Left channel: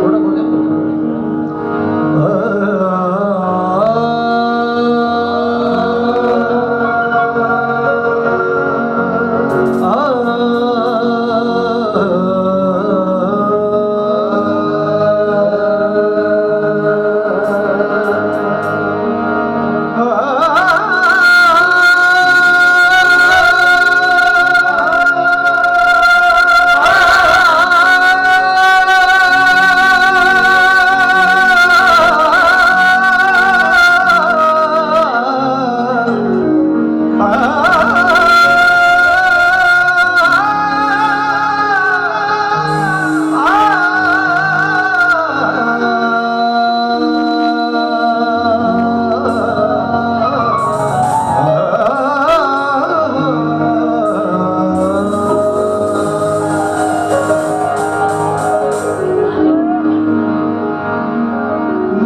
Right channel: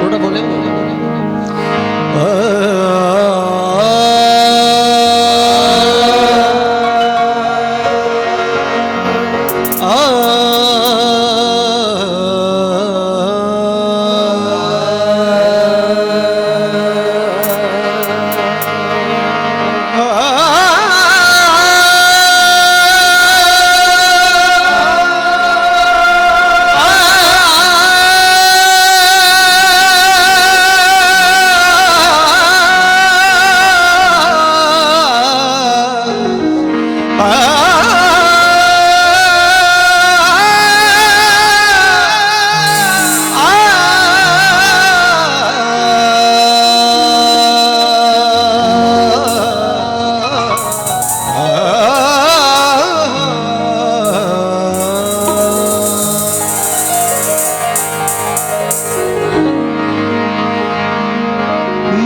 थोड़ा बोले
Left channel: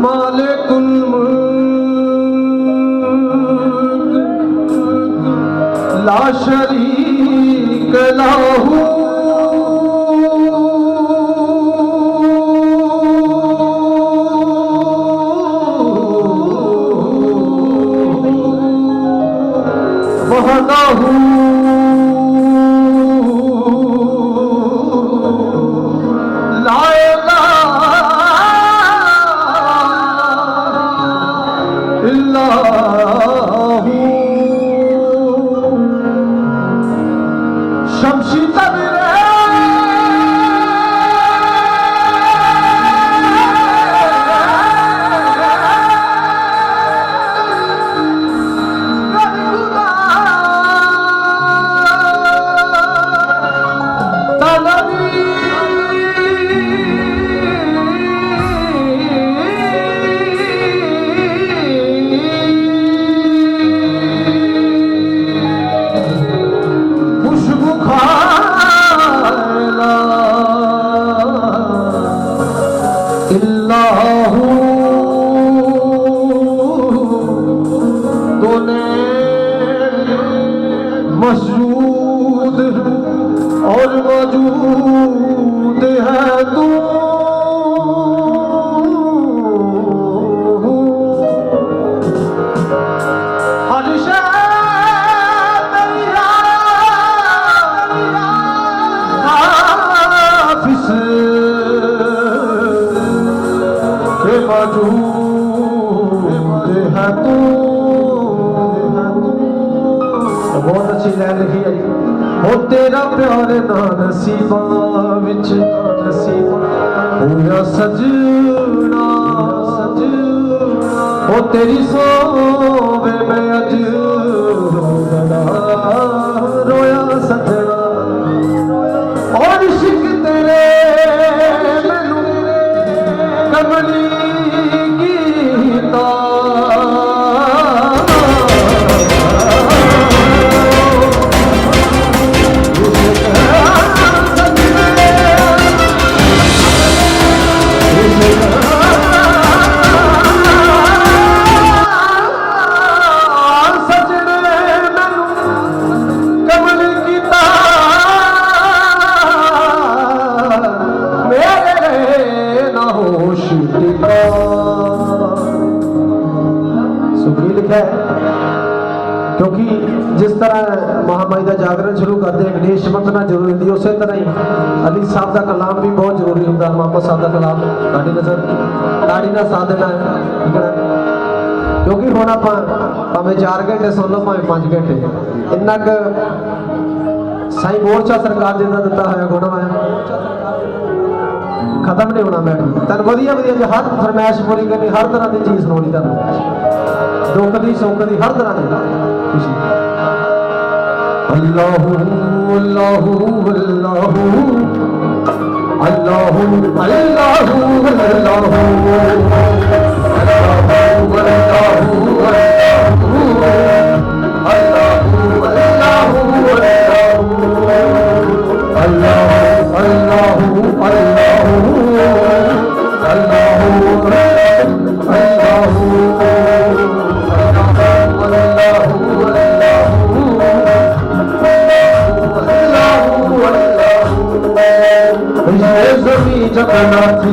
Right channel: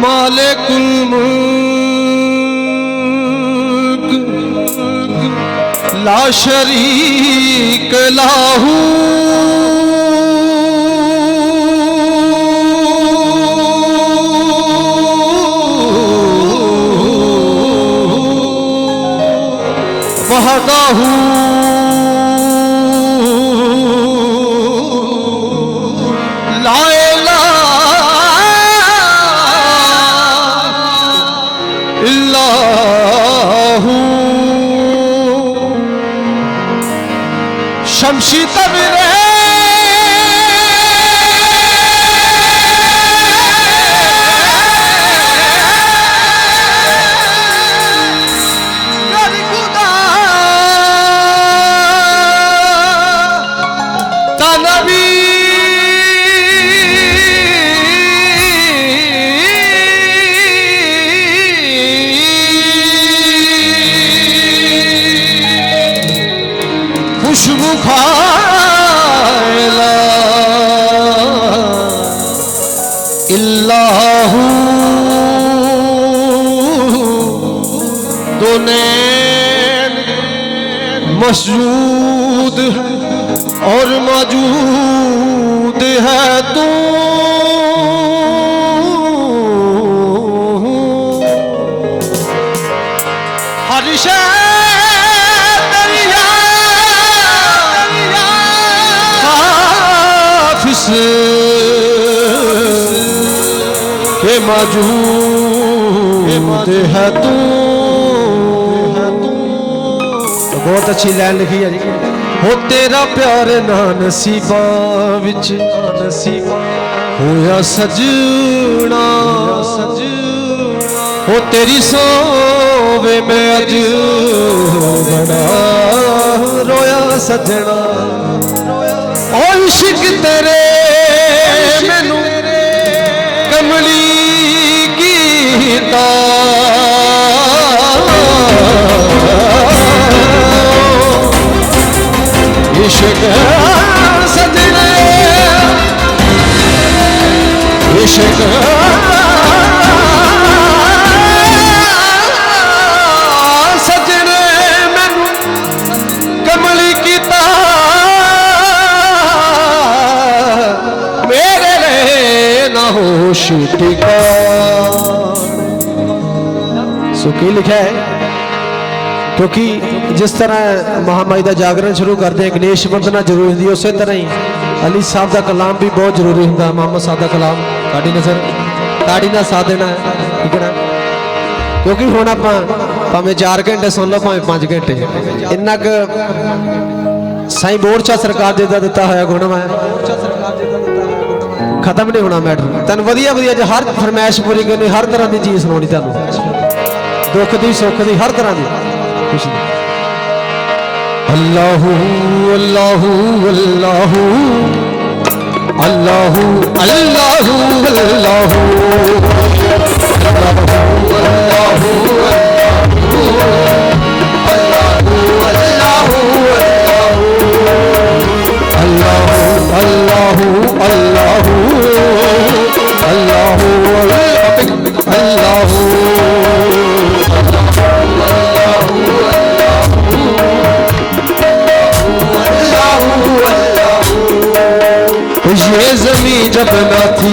मालिकुल मुल्क ला शरीक लाहू वहदाहू ला शमशी तबरे नरगुदा तनबी खुशबू खाला इल्लाहू दोने मौजूद है और मौजूद है तू हर शय के मौजूद है तू। तो बहुत अच्छी लाइन लिखी है हो तेरा प्यार ना नसीबा विच होया सजना हो तेरी सोवे मैं अज बड़ा रोया सजना और इश्क तेरे मैनू कमली कीता इश्क सजने इश्क सजने मैनू कमली कीता सुखी लिखा है क्योंकि जिस तरह महामाई का जागरण शुरू करते हैं गणेश वंदना जरूरी थी उस तरह ही अली साहब का कलाम भी बहुत जरूरी होंगे मोहम्मद साहब का कलाम ताड़ी नजर ताड़ी का साथ देना ठीक है क्योंकि हम आप भावें 4 घंटे सुन लो भावें 5 घंटे इन्ना क साईं बोर्ड चा सरकार जी का दिता हुआ गुण है खत्म नहीं होना मैटर तेन वधिया वधिया जो हर फरमैश पूरी करनी हर तरह की चीज़ सुनानी तेन दुख की सुख की हर तरह की खुशी अल्लाहू अल्लाहू अल्लाहू अल्लाहू अल्लाहू अल्लाहू जब ना थी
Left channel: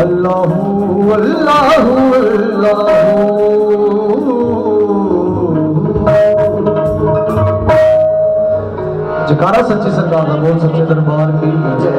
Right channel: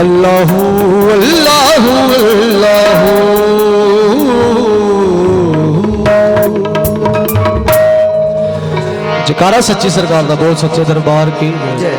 अल्लाहू अल्लाहू अल्लाहू। जयकारा सच्ची सरकार का, बोल सच्चे दरबार की जय।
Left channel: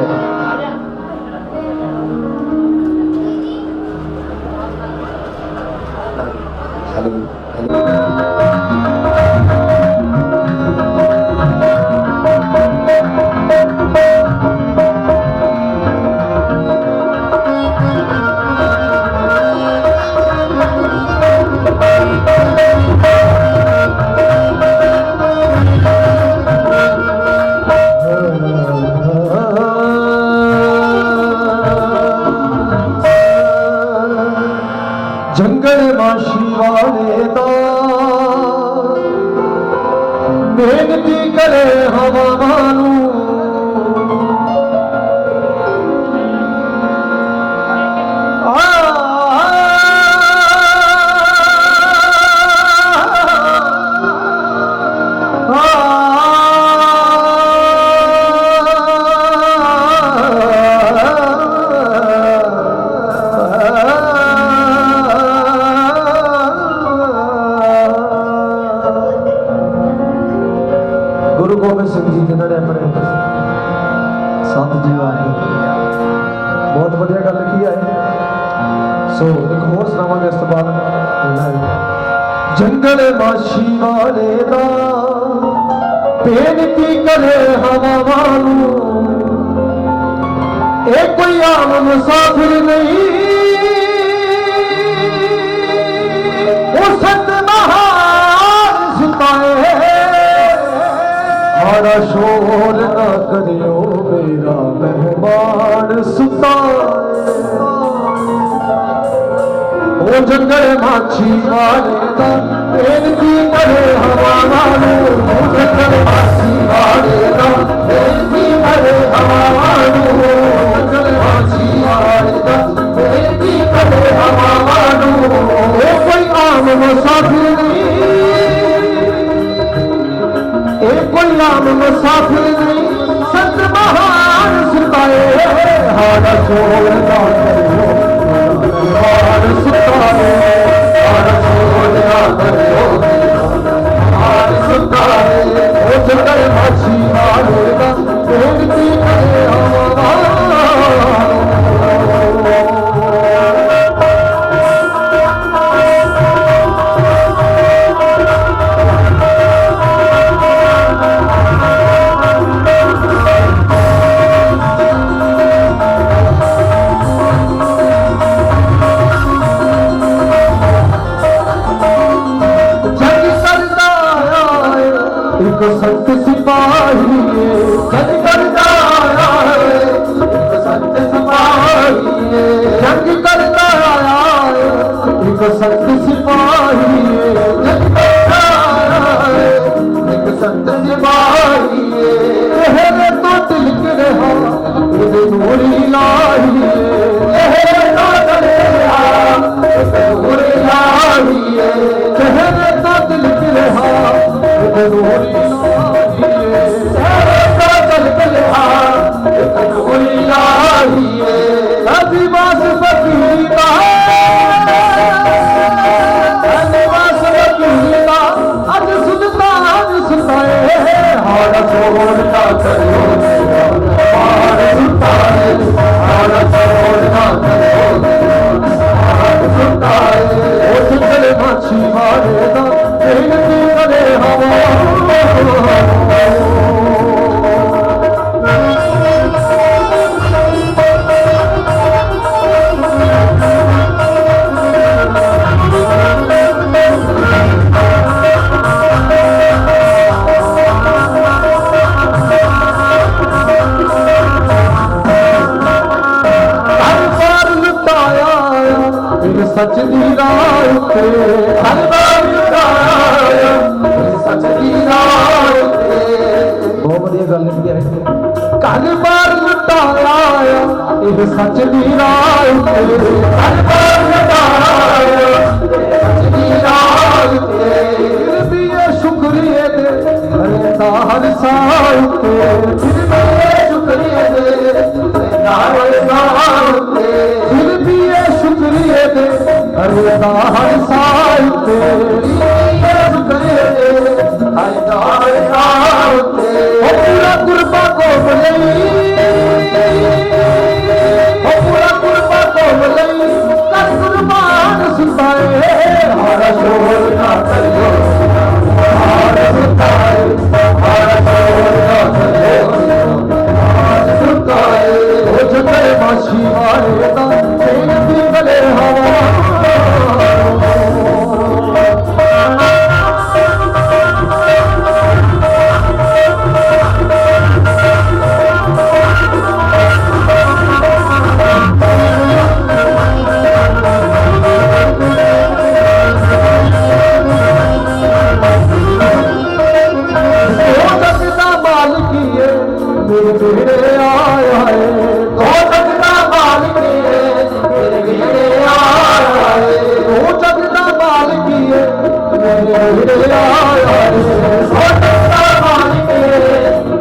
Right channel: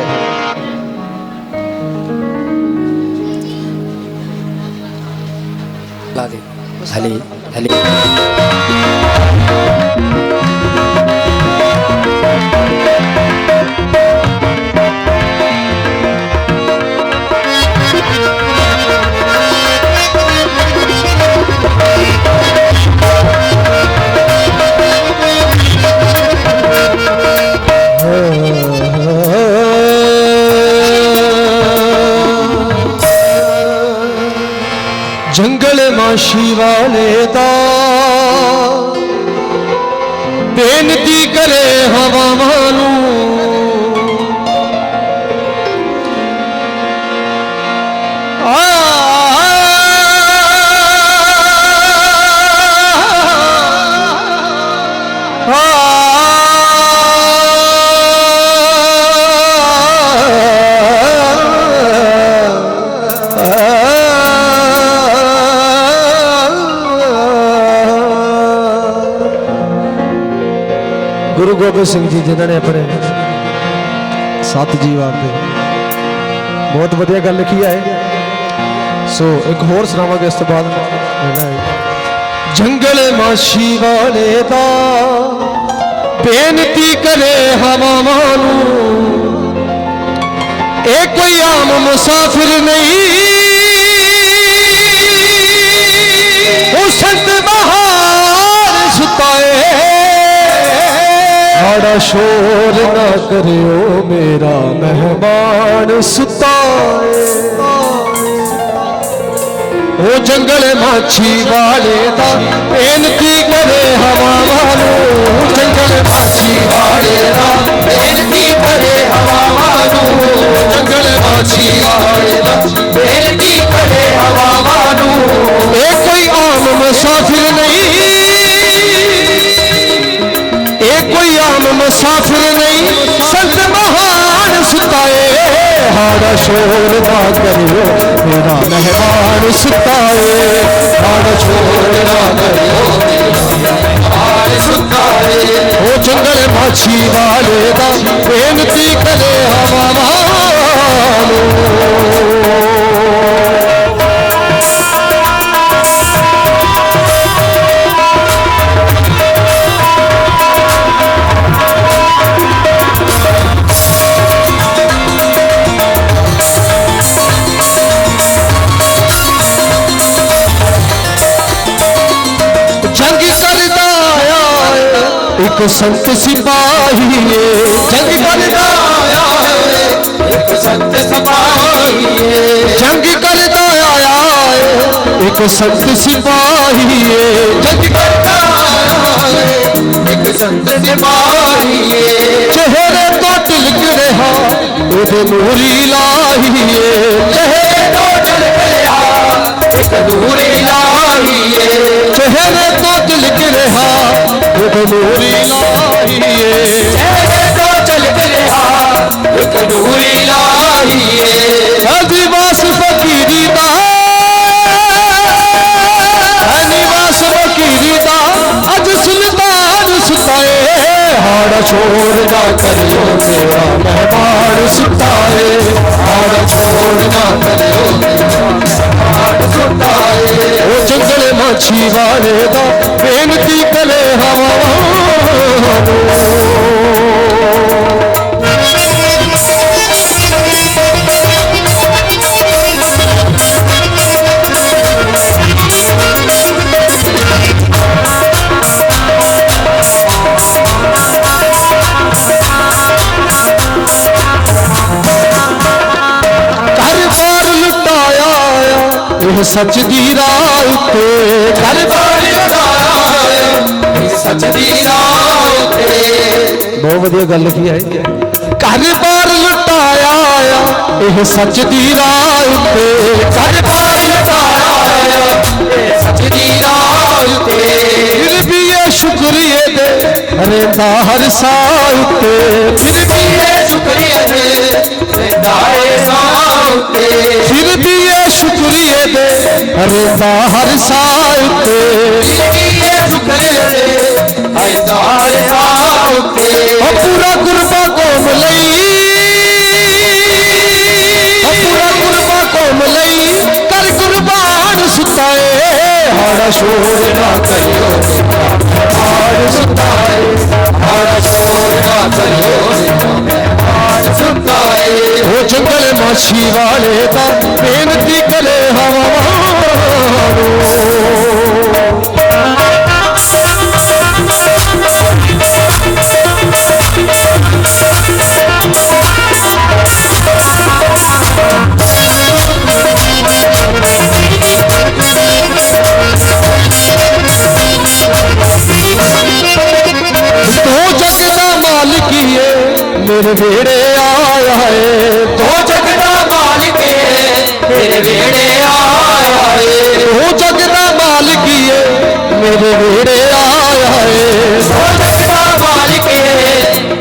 जंगल माशी वाले दा बेनती करे हवा मानू, गुरु गोबिंद सिंह जी जिन्होंने अपने सत जीव आपके बहुत वधिया गल लिखी है। सो एक होर सुनावांगे इस तो बाद। जंगल माशी वाले दा बेनती करे हवा मानू, ए कोई आम मुसाफिर नहीं, माड़ा शोर ना करियो मेरा मेहमान सुता। वो जंगल माछी वाले दा बेनती करे हवा मानू, जंगल माछी वाले दा बेनती करे हवा मानू, जंगल माछी वाले दा बेनती करे हवा मानू। ये कोई आम मुसाफिर नहीं, मुसाफिर नहीं, संत महान सुताए, हाड़ा शोर ना करो मेरा मेहमान सुताए, हाड़ा शोर ना करो मेरा मेहमान सुताए। ओ जंगल माछी वाले दा बेनती करे हवा मानू। एक संत सिपाही जंग करता आया, एक संत सिपाही जंग करता आया, एक संत सिपाही जंग करता आया, एक संत सिपाही। चेहरे तो तिलक रहा उधे नूरी लाही, चेहरे तो तिलक रहा एक नूरी लाही, चेहरे तो तिलक रहा नूरी लाही, चेहरे तो तिलक रहा एक नूरी लाही। निवास फकीरी दा, निवास फकीरी दा अज सुल्तान सुताए, हाड़ा छोड़ ना करियो मेरा मेहमान सुताए, हाड़ा छोड़ ना करियो मेरा मेहमान सुताए। ओ जंगल माछी वाले दा बेनती करे हवा सच दी रात घर बार लुटाया, सच दी रात बहुत वधिया गल की है। घर बार लुटाया यह सच दी रात, घर बार लुटाया यह सच दी रात। फिर भी ये शुक्रिया दे रहता हर साल, फिर भी ये शुक्रिया दे रहता हर साल, फिर भी रहंदा हर साह पूरा कुर्बा कौम लई पूरा कुर्बा कौम लई कल कुर्बान सुताए हमारा शोर ना करियो सुताए हमारा शोर ना करियो सुताए वो जंगल माछी वाले का बेनती कले हवा मेरे बेड़े आया है तो जगदा मालिक मेरे बेड़े आया है वो जगदा मालिक मेरे बेड़े आया है तो जगदा मालिक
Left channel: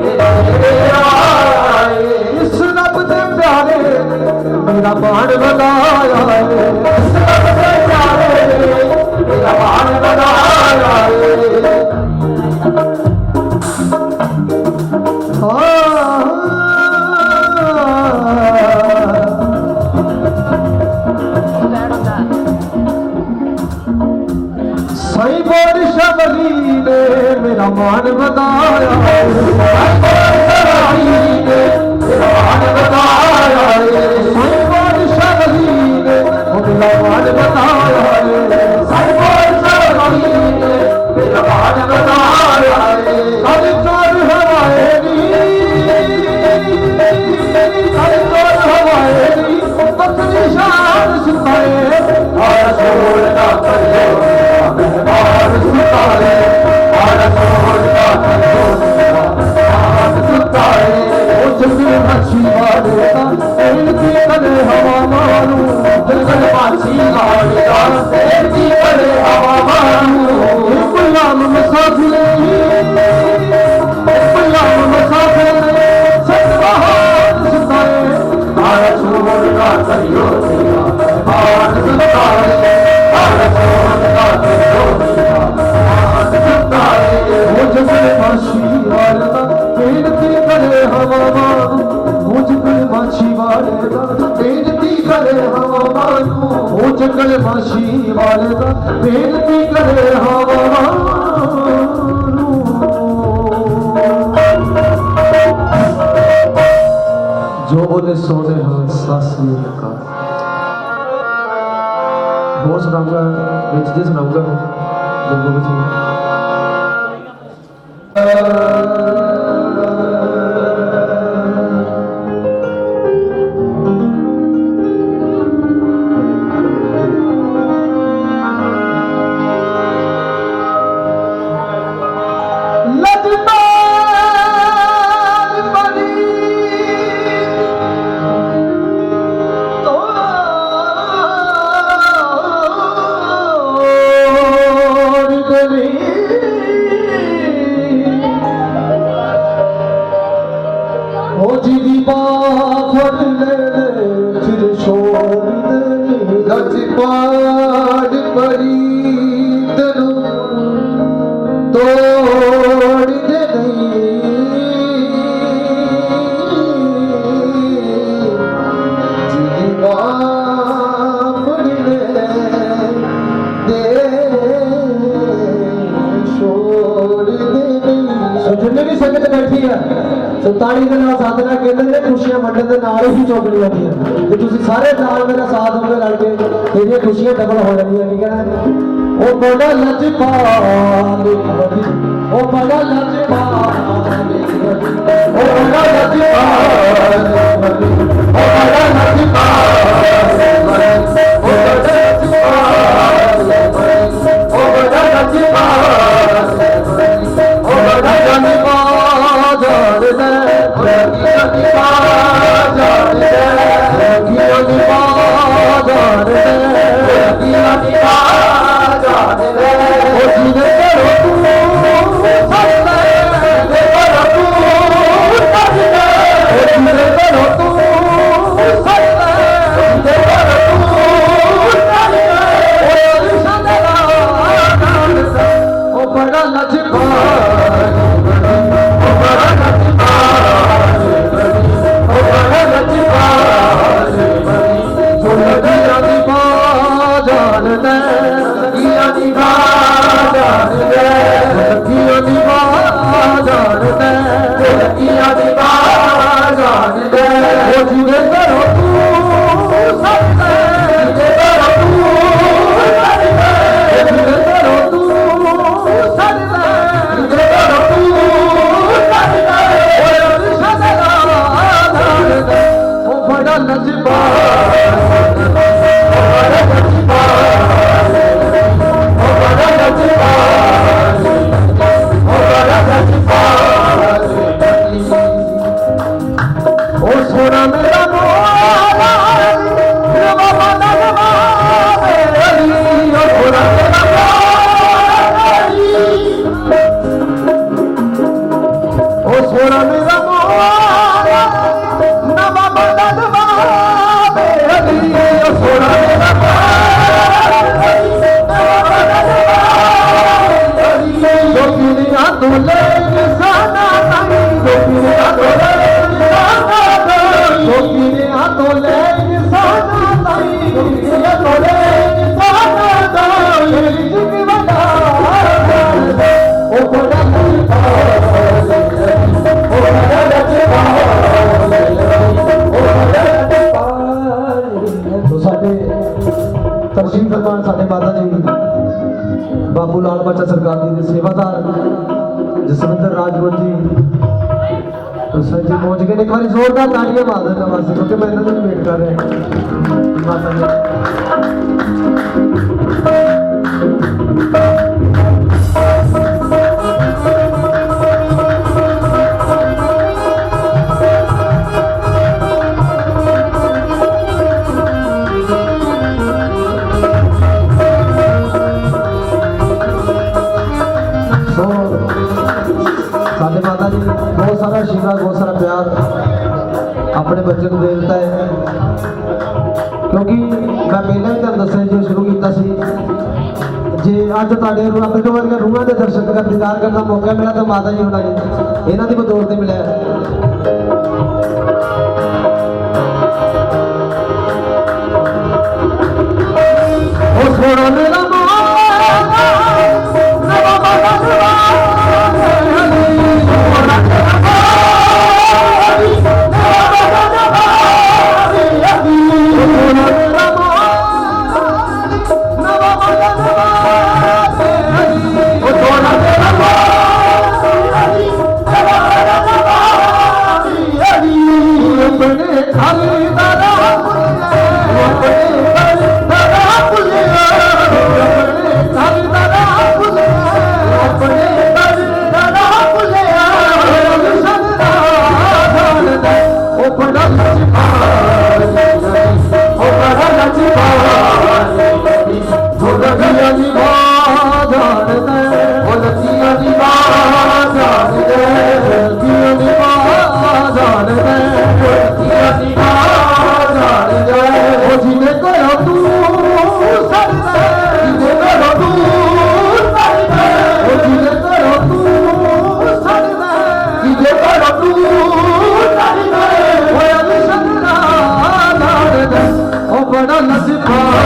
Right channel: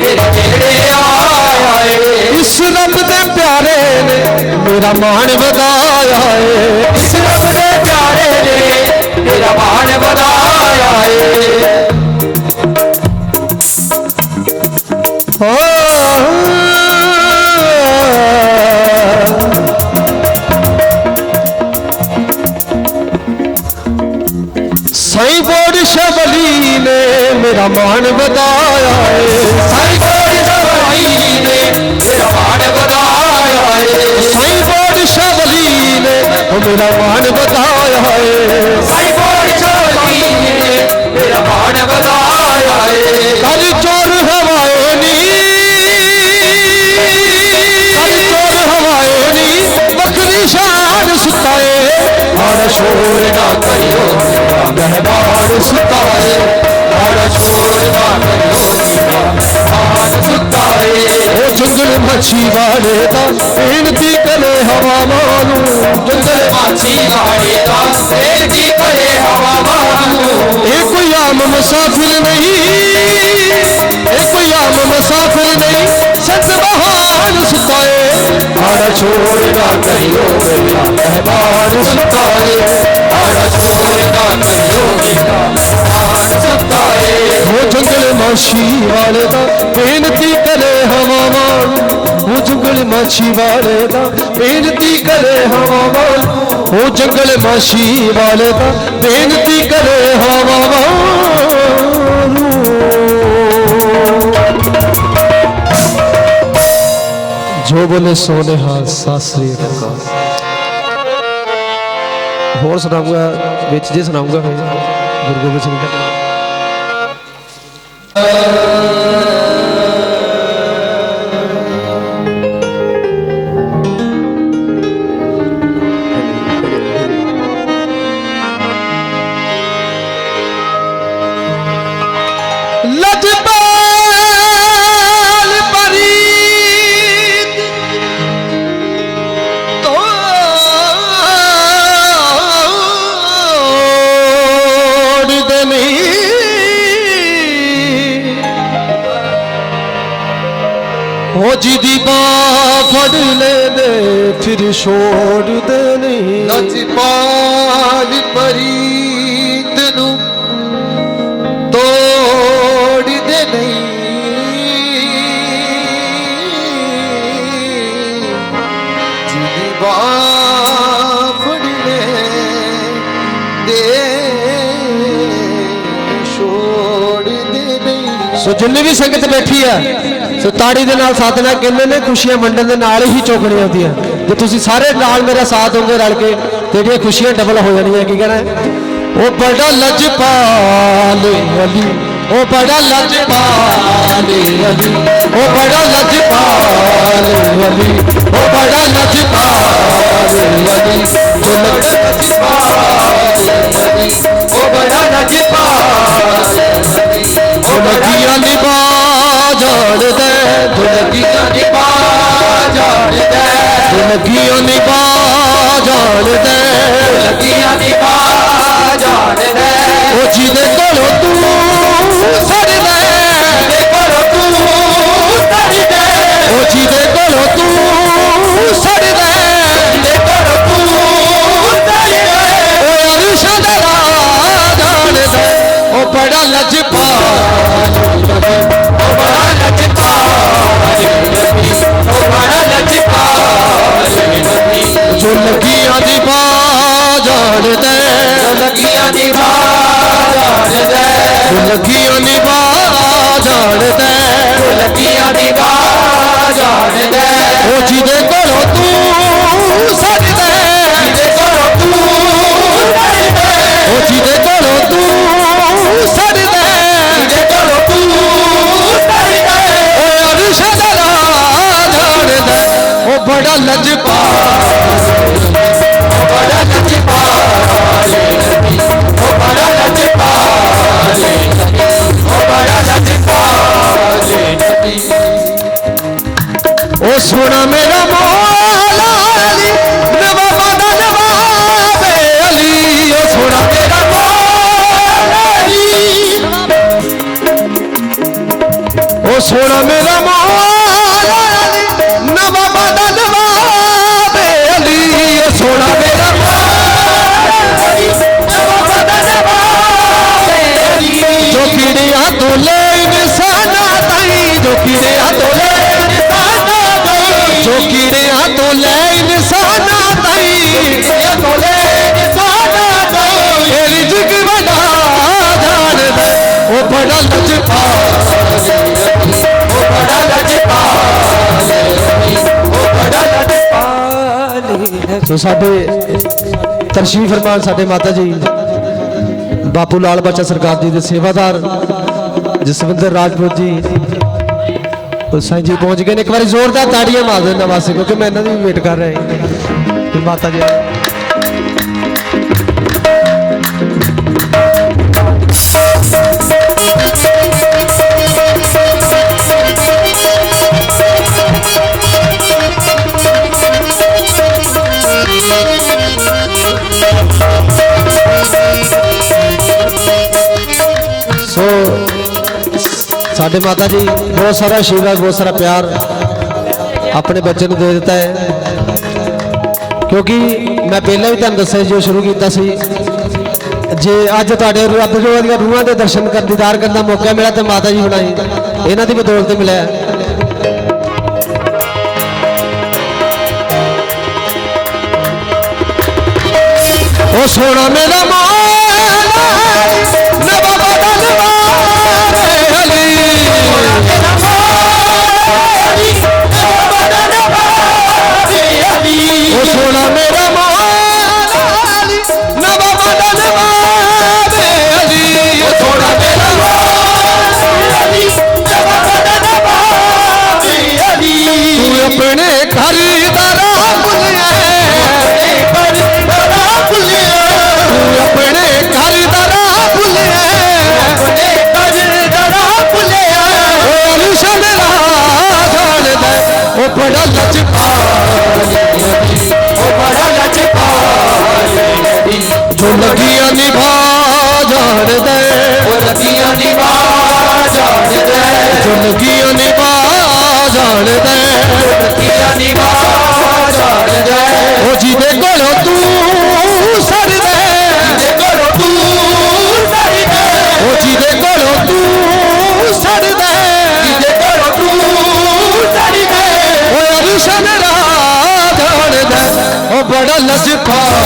मेरे बेड़े आया है इस रब दे प्यारे ने मेरा मान बनाया है इस रब दे प्यारे ने मेरा मान बनाया है साईं बोड़ शबली ने मेरा मान बताया है साईं बोड़ शबली ने मेरा मान बताया है साईं बोड़ शबली ने मेरा मान बताया है साईं बोड़ शबली ने मेरा मान बताया है कल चोर हवाएं नी कल चोर हवाएं नी बकरी शान सुताए हमारा शोर ना करियो मेहमान सुताए हमारा शोर ना करियो मेहमान सुताए वो जंगल मच्छी वाले का बेनती करे हवा मानू जंगल मच्छी वाले का बेनती करे हवा मानू एक कोई आम मुसाफिर नहीं एक कोई आम मुसाफिर नहीं सच महान सुताए हमारा शोर ना करियो मेहमान सुताए हमारा शोर ना करियो मेहमान सुताए वो जंगल माछी वाले का बेनती करे हवा मानू वो जंगल माछी वाले का बेनती करे हवा मानू वो जंगल माछी वाले का बेनती करे हवा मानू जो बोले सोने हाथ सासरी हो सुनाऊंगा बिच जी सुनाऊंगा गुरु गोबिंद सिंह हो जी दी बाह फड़ ले दे फिर छोड़ देनी लजपाल परी तेनू तोड़ देनी जी दी बाह फड़ ले दे छोड़ देनी सो जिन्नी भी संगत बैठी है सो ताड़ी दे नाल साधना कहते ने खुशियां वंडन दे नाल ही चौकड़ियां होंदियां ते तुसीं सारे नाल मेरा साथ दोगे रल के तेरियां खुशियां डबल हो जानियां की कहना ओ बड़ा लजपाल वली ओ बड़ा लजपाल वली ओ बड़ा लजपाल वली ओ बड़ा लजपाल वली ओ बड़ा लजपाल वली ओ बड़ा लजपाल ओ बड़ा निभा जान दे दुलगियां निभा जान दे दुलगियां निभा जान दे दुलगियां निभा जान दे ओ जिने कोलो तू सड़ दे जिने कोलो तू सड़ दे ओ जिने कोलो तू सड़ दे जिने कोलो तू सड़ दे ओ घरों तू सजदा जिदे घरों तू सजदा अरश दा झाड़दा ओ बड़ा लजपाल बड़ा लजपाल ओ बड़ा लजपाल ओ बड़ा लजपाल ओ सुन मेरा मौला अली नवाब नवाबे अली ओ सुन मेरा मौला अली ओ सुन मेरा मौला अली नवाब नवाबे अली ओ सुन मेरा मौला अली नवाब नवाबे अली जो किने अतुले निशाना ताई जो किने अतुले तो साडे तशरीफ फरमान साडे माता जी बाबू लाल बच्चा सरकार जी के सेवादार जसविंदर राजपूत जी तो साईं जी पहुंच गए। एक बार जोरदार ताड़ियां मार देना वास्ते क्योंकि मैं इन्होंने भी वेट कर रहे हैं माता जी। साडे माता जी बहुत सारा आशीर्वाद बहुत सारा प्यार अपने बच्चे को दे देता है क्योंकि मैं पहला भी तुहानू दस्सिया जो शुरू किया जे अज तुहाडे रब दी रूहां दे दर्शन कर दीदार करने का मौका मिला तो माता जी बनाई इन्हां दी बदौलत मिला है। ओ सोना मेरा बड़ा लजपाल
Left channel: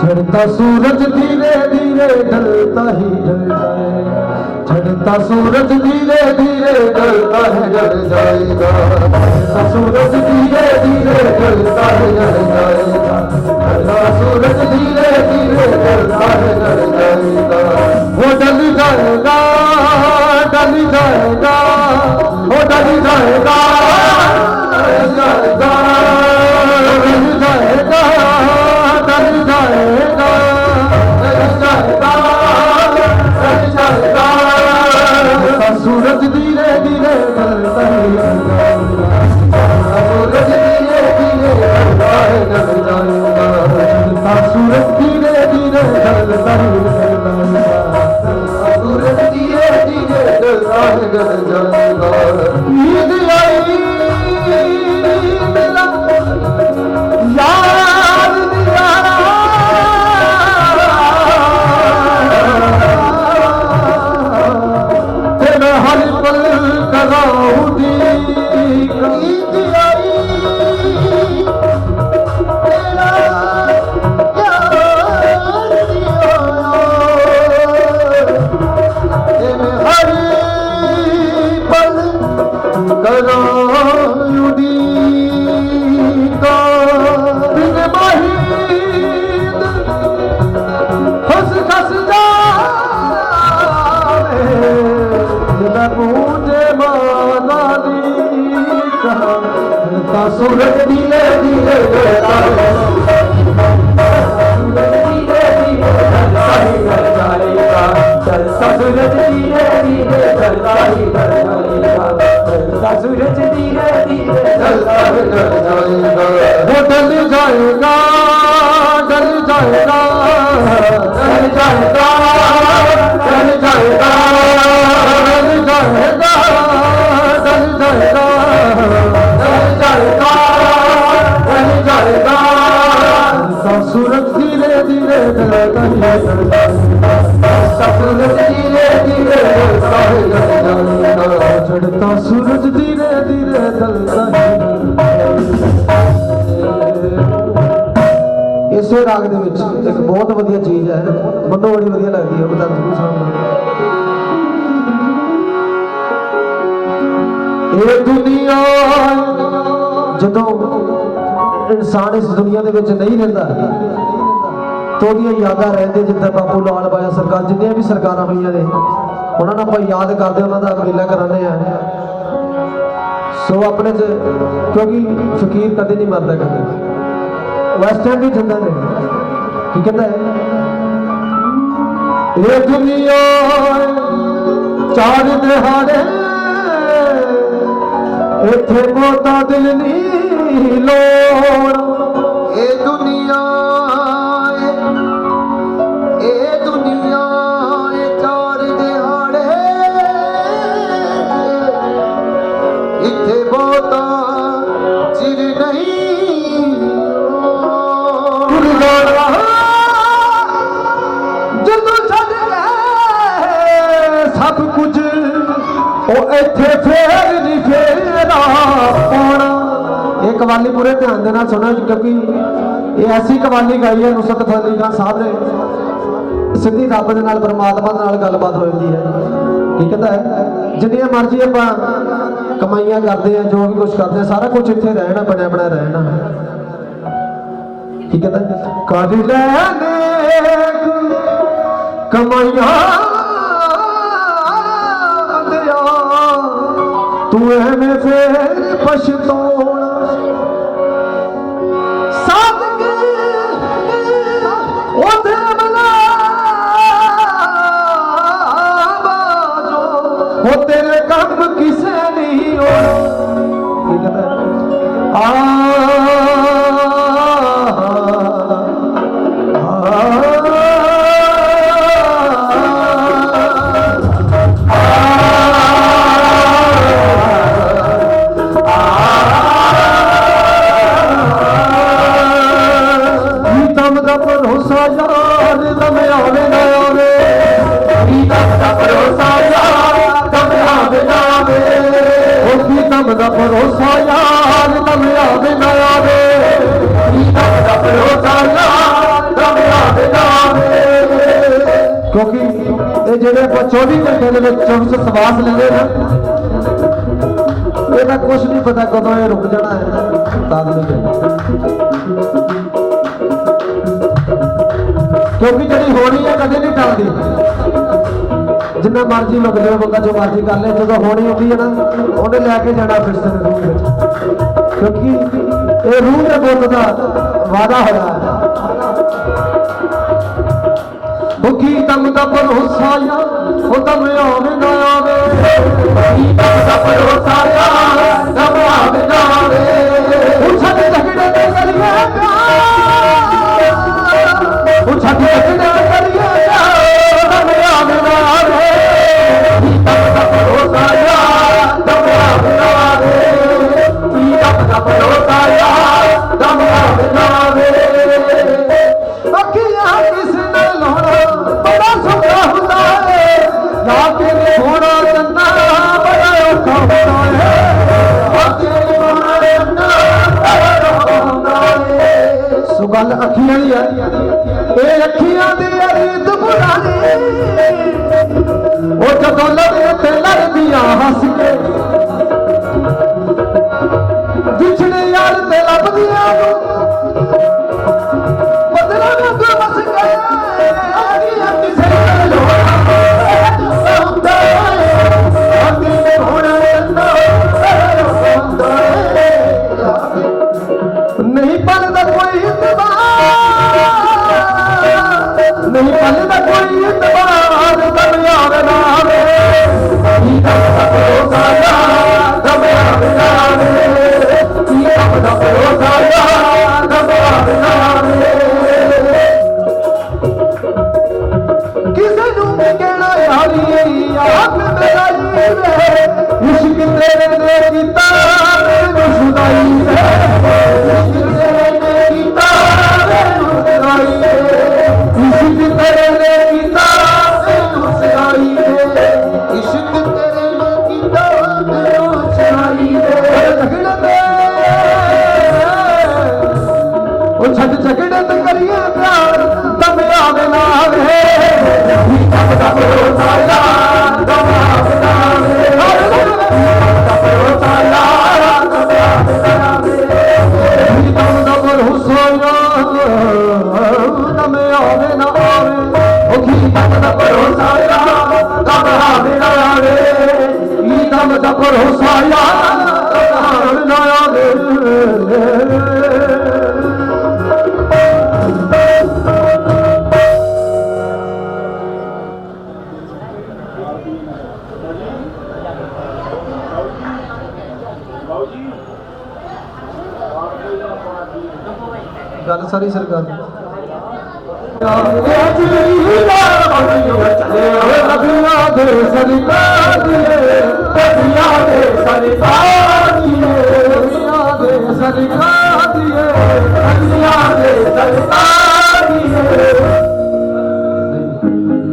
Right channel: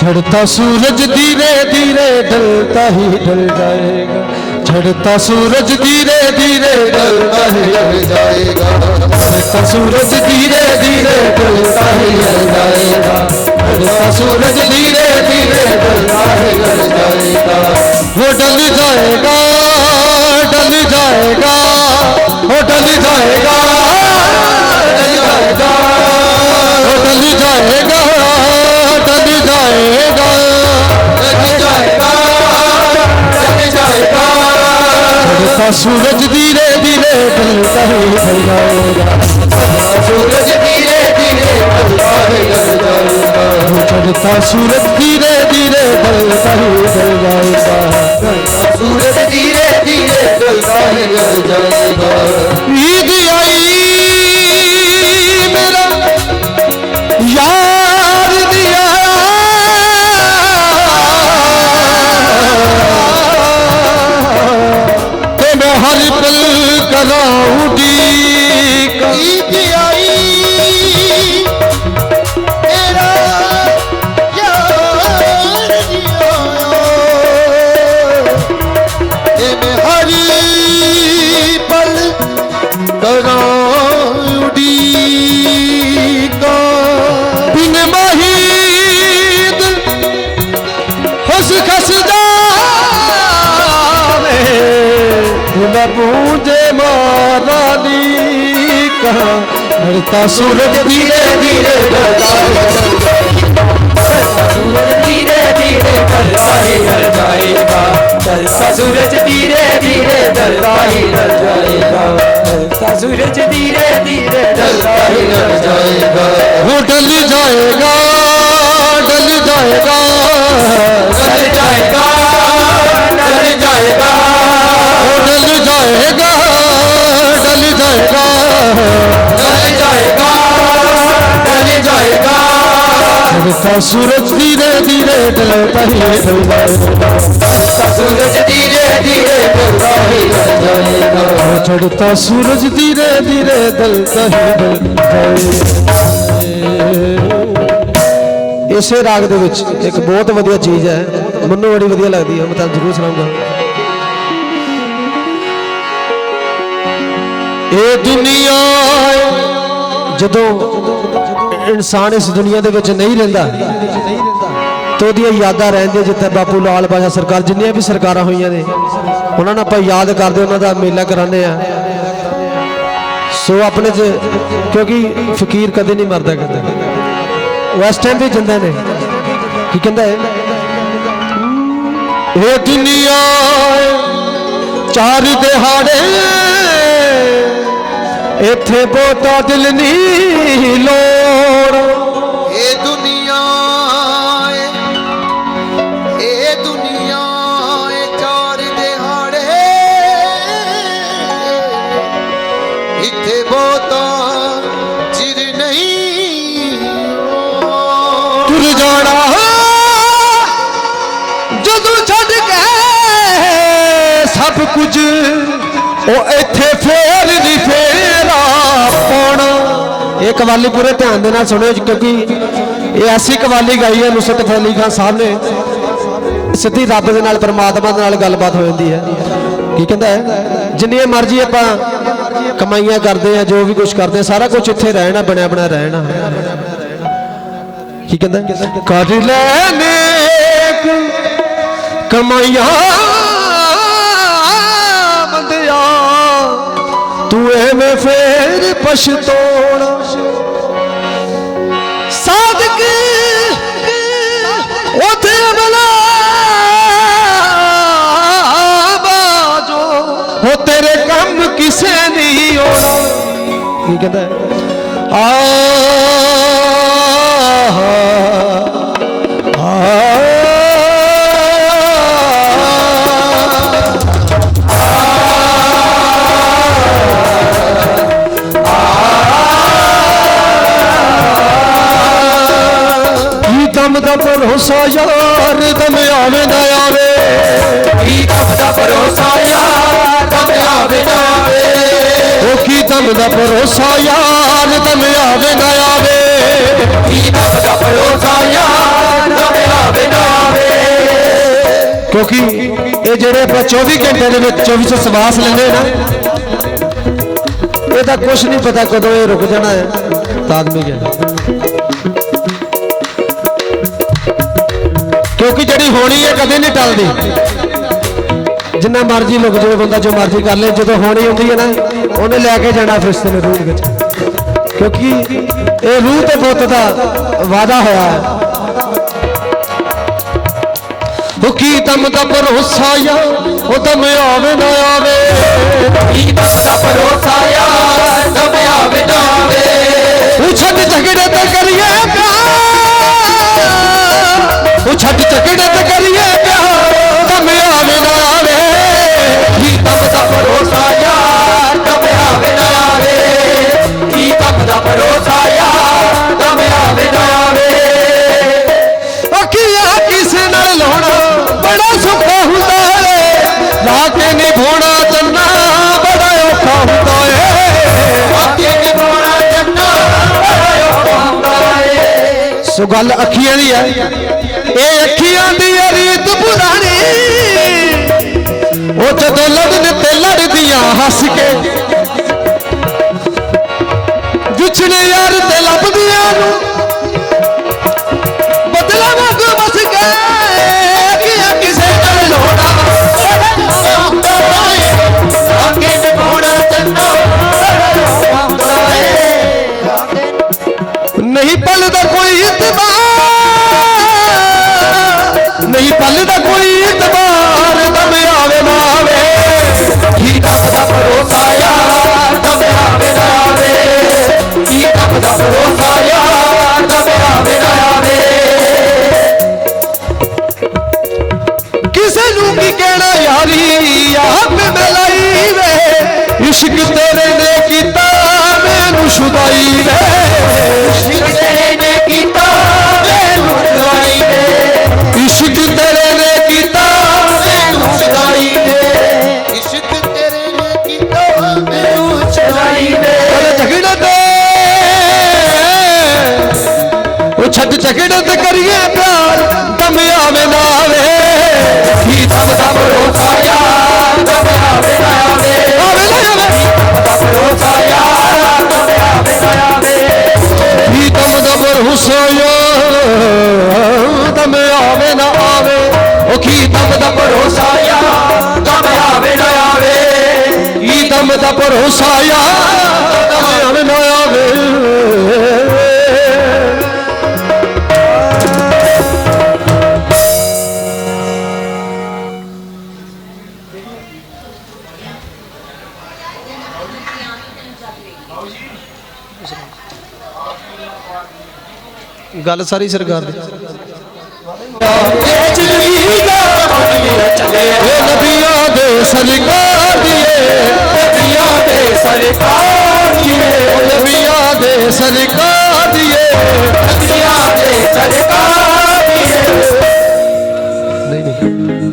चढ़ता सूरज धीरे धीरे ढलता ही ढल जाएगा चढ़ता सूरज धीरे धीरे ढलता ही ढल जाएगा चढ़ता सूरज धीरे धीरे ढलता ही ढल जाएगा चढ़ता सूरज धीरे धीरे ढलता ही ढल जाएगा वो ढल जाएगा ढल जाएगा वो ढल जाएगा ढल जाएगा ढल जाएगा ढल जाएगा ढल जाएगा ढल जाएगा सूरज धीरे धीरे ढलता ही ढल जाएगा सूरज धीरे धीरे ढलता ही ढल जाएगा चढ़ता सूरज धीरे धीरे ढलता ही मैं पूजे माला दी कहा ढलता सूरज धीरे धीरे ढलता धीरे धीरे ढलता ही ढल जाएगा, ढलता सूरज धीरे धीरे ढलता ही ढल जाएगा, ढलता सूरज धीरे धीरे ढलता ही ढल जाएगा। वो ढल जाएगा ढल जाएगा ढल जाएगा ढल जाएगा ढल जाएगा ढल जाएगा ढल जाएगा ढल जाएगा। ढलता सूरज धीरे धीरे ढलता ही ढलता सूरज धीरे धीरे ढलता ही ढल जाएगा, चढ़ता सूरज धीरे धीरे ढलता ही ढलता। इसे राग ਦੇ ਵਿੱਚ ਇੱਕ ਬਹੁਤ ਵਧੀਆ ਚੀਜ਼ ਹੈ, ਮੈਨੂੰ ਬੜੀ ਵਧੀਆ ਲੱਗਦੀ ਹੈ, ਮੈਂ ਤਾਂ ਜ਼ਰੂਰ ਸੁਣਾਉਂਗਾ। ਇਹ ਦੁਨੀਆ ਜਦੋਂ ਇਨਸਾਨ ਇਸ ਦੁਨੀਆ ਦੇ ਵਿੱਚ ਨਹੀਂ ਰਹਿੰਦਾ ਤੇ ਉਹਦੀਆਂ ਯਾਦਾਂ ਰਹਿੰਦੀਆਂ, ਜਿੱਥੇ ਬਾਪੂ ਲਾਲ ਬਾਜਾ ਸਰਕਾਰ ਜਿੰਨੀਆਂ ਵੀ ਸਰਕਾਰਾਂ ਹੋਈਆਂ ਨੇ ਉਹਨਾਂ ਨੂੰ ਆਪਾਂ ਯਾਦ ਕਰਦੇ, ਉਹਨਾਂ ਦਾ ਮੇਲਾ ਕਰਾਉਂਦੇ ਆ। ਸੋ ਆਪਣੇ 'ਚ ਕਿਉਂਕਿ ਫਕੀਰ ਕਦੇ ਨਹੀਂ ਮਰਦਾ ਕਦੇ, ਉਸ ਟਾਈਮ ਵੀ ਜਾਂਦੇ ਨੇ। ਕੀ ਕਹਿੰਦਾ ਹੈ ਇਹ ਦੁਨੀਆ ਚਾਰ ਦਿਹਾੜੇ ਇੱਥੇ ਬਹੁਤਾ ਦਿਲ ਨਹੀਂ ਲੋੜ। ਇਹ ਦੁਨੀਆ ਚਾਰ ਦਿਹਾੜੇ ਇੱਥੇ ਬਹੁਤਾ ਚਿਰ ਨਹੀਂ ਤੁਰ ਜਾਣਾ ਜਦੋਂ ਛੱਡ ਕੇ ਸਭ ਕੁਝ ਉਹ ਇੱਥੇ ਫੇਰ ਨਹੀਂ ਫੇਰਾ ਪਾਉਣ। ਇਹ ਕਵਾਲੀ ਪੂਰੇ ਧਿਆਨ ਦੇ ਨਾਲ ਸੁਣਿਓ ਕਿਉਂਕਿ ਇਹ ਐਸੀ ਕਵਾਲੀ ਗਾਈ ਹੈ ਨੁਸਰਤ ਫਤਿਹ ਅਲੀ ਖਾਨ ਸਾਹਿਬ ਨੇ, ਸਿੱਧੀ ਰੱਬ ਦੇ ਨਾਲ ਪਰਮਾਤਮਾ ਦੇ ਨਾਲ ਗੱਲਬਾਤ ਹੋ ਜਾਂਦੀ ਹੈ। ਕੀ ਕਹਿੰਦਾ ਹੈ ਜਿੰਨੀਆਂ ਮਰਜ਼ੀ ਆਪਾਂ ਕਮਾਈਆਂ ਕਰਦੇ ਆ, ਜੋ ਵੀ ਕੁਝ ਕਰਦੇ ਆ, ਸਾਰਾ ਕੁਝ ਇੱਥੇ ਰਹਿਣਾ, ਬਣਿਆ ਬਣਿਆ ਰਹਿਣਾ। ਕੀ ਕਹਿੰਦਾ ਕਰ ਲੈਨੇ ਕਮਾਈਆਂ ਬੰਦਿਆ ਤੂੰ ਐਵੇਂ ਫੇਰ ਪਛਤਾਉਣਾ। ਸਾਦਕ ਉਥੇ ਬਣਾ ਬਾਜੋ ਉਹ ਤੇਰੇ ਕੰਮ ਕਿਸੇ ਨਹੀਂ ਹੋਣਾ। ਕੀ ਕਹਿੰਦਾ ਭਰੋਸਾ ਯਾਰ ਦਮ ਆਵੇ ਨਾ ਆਵੇ, ਕੀ ਦਮ ਦਾ ਭਰੋਸਾ ਯਾਰ ਦਮ ਆਵੇ ਨਾ ਆਵੇ, ਉਹ ਕੀ ਦਮ ਦਾ ਭਰੋਸਾ ਯਾਰ ਦਮ ਆਵੇ ਨਾ ਆਵੇ, ਕੀ ਦਮ ਦਾ ਭਰੋਸਾ ਯਾਰ ਦਮ ਆਵੇ ਨਾ ਆਵੇ। ਕਿਉਂਕਿ ਇਹ ਜਿਹੜੇ ਆਪਾਂ 24 ਘੰਟੇ ਦੇ ਵਿੱਚ 2400 ਸਵਾਸ ਲੈਂਦੇ ਨਾ, ਇਹਦਾ ਕੁਝ ਨਹੀਂ ਪਤਾ ਕਦੋਂ ਇਹ ਰੁਕ ਜਾਣਾ ਹੈ। ਤਾਦਮੀ ਹੈ ਕਿਉਂਕਿ ਜਿਹੜੀ ਹੋਣੀ ਹੈ ਕਦੇ ਨਹੀਂ ਟਲਦੀ, ਜਿੰਨਾ ਮਰਜ਼ੀ ਰੁਕ ਜਾਵੇ ਬੰਦਾ, ਜੋ ਮਰਜ਼ੀ ਕਰ ਲੈ, ਜਦੋਂ ਹੋਣੀ ਹੁੰਦੀ ਹੈ ਨਾ ਉਹਨੇ ਲੈ ਕੇ ਜਾਣਾ ਫਰਿਸ਼ਤੇ ਨੇ ਰੂਹ ਵਿੱਚ, ਕਿਉਂਕਿ ਇਹ ਰੂਹ ਦੇ ਪੁੱਤ ਦਾ ਵਾਅਦਾ ਹੋਇਆ ਹੈ। ਕੀ ਦਮ ਦਾ ਭਰੋਸਾ ਯਾਰ ਉਹ ਦਮ ਆਵੇ ਨਾ ਆਵੇ, ਕੀ ਦਮ ਦਾ ਭਰੋਸਾ ਯਾਰ ਦਮ ਆਵੇ ਨਾ ਆਵੇ, ਉਹ ਛੱਡ ਝਗੜੇ ਤੇ ਕਰੀਏ ਪਿਆਰ, ਉਹ ਛੱਡ ਝਗੜੇ ਤੇ ਕਰੀਏ ਪਿਆਰ, ਦਮ ਆਵੇ ਨਾ ਆਵੇ। ਕੀ ਦਮ ਦਾ ਭਰੋਸਾ ਯਾਰ ਦਮ ਆਵੇ ਨਾ ਆਵੇ, ਕੀ ਦਮ ਦਾ ਭਰੋਸਾ ਯਾਰ ਦਮ ਆਵੇ ਨਾ ਆਵੇ। ਅੱਖੀਆਂ ਕਿਸੇ ਨਾਲ ਲਾਉਣਾ ਬੜਾ ਸੌਖਾ ਹੁੰਦਾ ਹੈ, ਰਾਤ ਨੇ ਨਿਭਾਉਣਾ ਚੰਨਾ ਬੜਾ ਔਖਾ ਹੁੰਦਾ ਹੈ। ਸੋ ਗੱਲ ਅੱਖੀਆਂ ਦੀ ਹੈ, ਇਹ ਅੱਖੀਆਂ ਦੀ ਰੀਤ ਪੁਰਾਣੀ, ਉਹ ਜਦੋਂ ਲੜਨ ਤੇ ਲੜਦੀਆਂ ਹੱਸ ਕੇ, ਵਿਛੜੇ ਯਾਰ ਤੇ ਲੱਭਦੀਆਂ ਨੂੰ ਬਦਲਾ ਵਾਂਗ ਵਸ ਗਏ। ਅੱਖੀਆਂ ਕਿਸੇ ਨਾਲ ਲੋੜਾ गल ना कोई इतबार दम आवे ना आवे की तब दा भरोसा यार तब आवे ना आवे की तब दा भरोसा यार तब आवे ना आवे किसे नू की कहना यारी आप मिलाई वे इश्क तेरे ने कीता मैनू शुदाई वे इश्क तेरे ने कीता मैनू शुदाई वे इश्क तेरे ने कीता मैनू शुदाई वे इश्क तेरे ने कीता मैनू शुदाई वे झगड़ा ते ओ छत झगड़ा ते करिए प्यार तम आवे ना आवे की तब दा भरोसा यार तब आवे ना आवे आवे ना आवे भरोसा यार तब आवे ना आवे ही तम दा भरोसा यार तम आवे ना आवे ओ की तम दा भरोसा यार तब आवे ना आवे की तम दा भरोसा यार तम आवे ना आवे गल सारी सरकार दी चले नबियां दे सरकार दिए नबियां दे सरकार दिए नबियां दे सरकार दिए नबियां दे सरकार दिए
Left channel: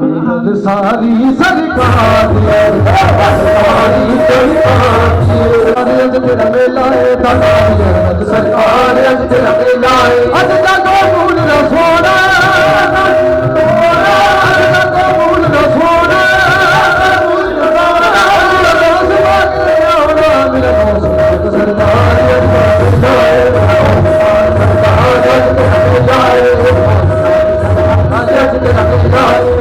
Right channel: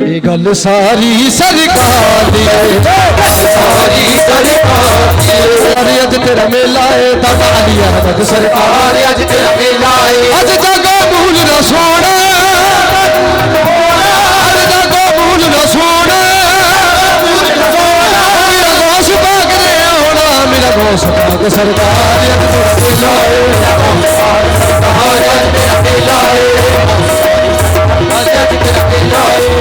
ये गल सारी सरकार दिए सारी सरकार दिए अज तेरा मेला है दानिया अज सरकार अज तेरा मेला है अज जागो मूल न सोना अज जागो मूल न सोना मेरा दोस्त भाग रे आना मेरा दोस्त भाग सरकार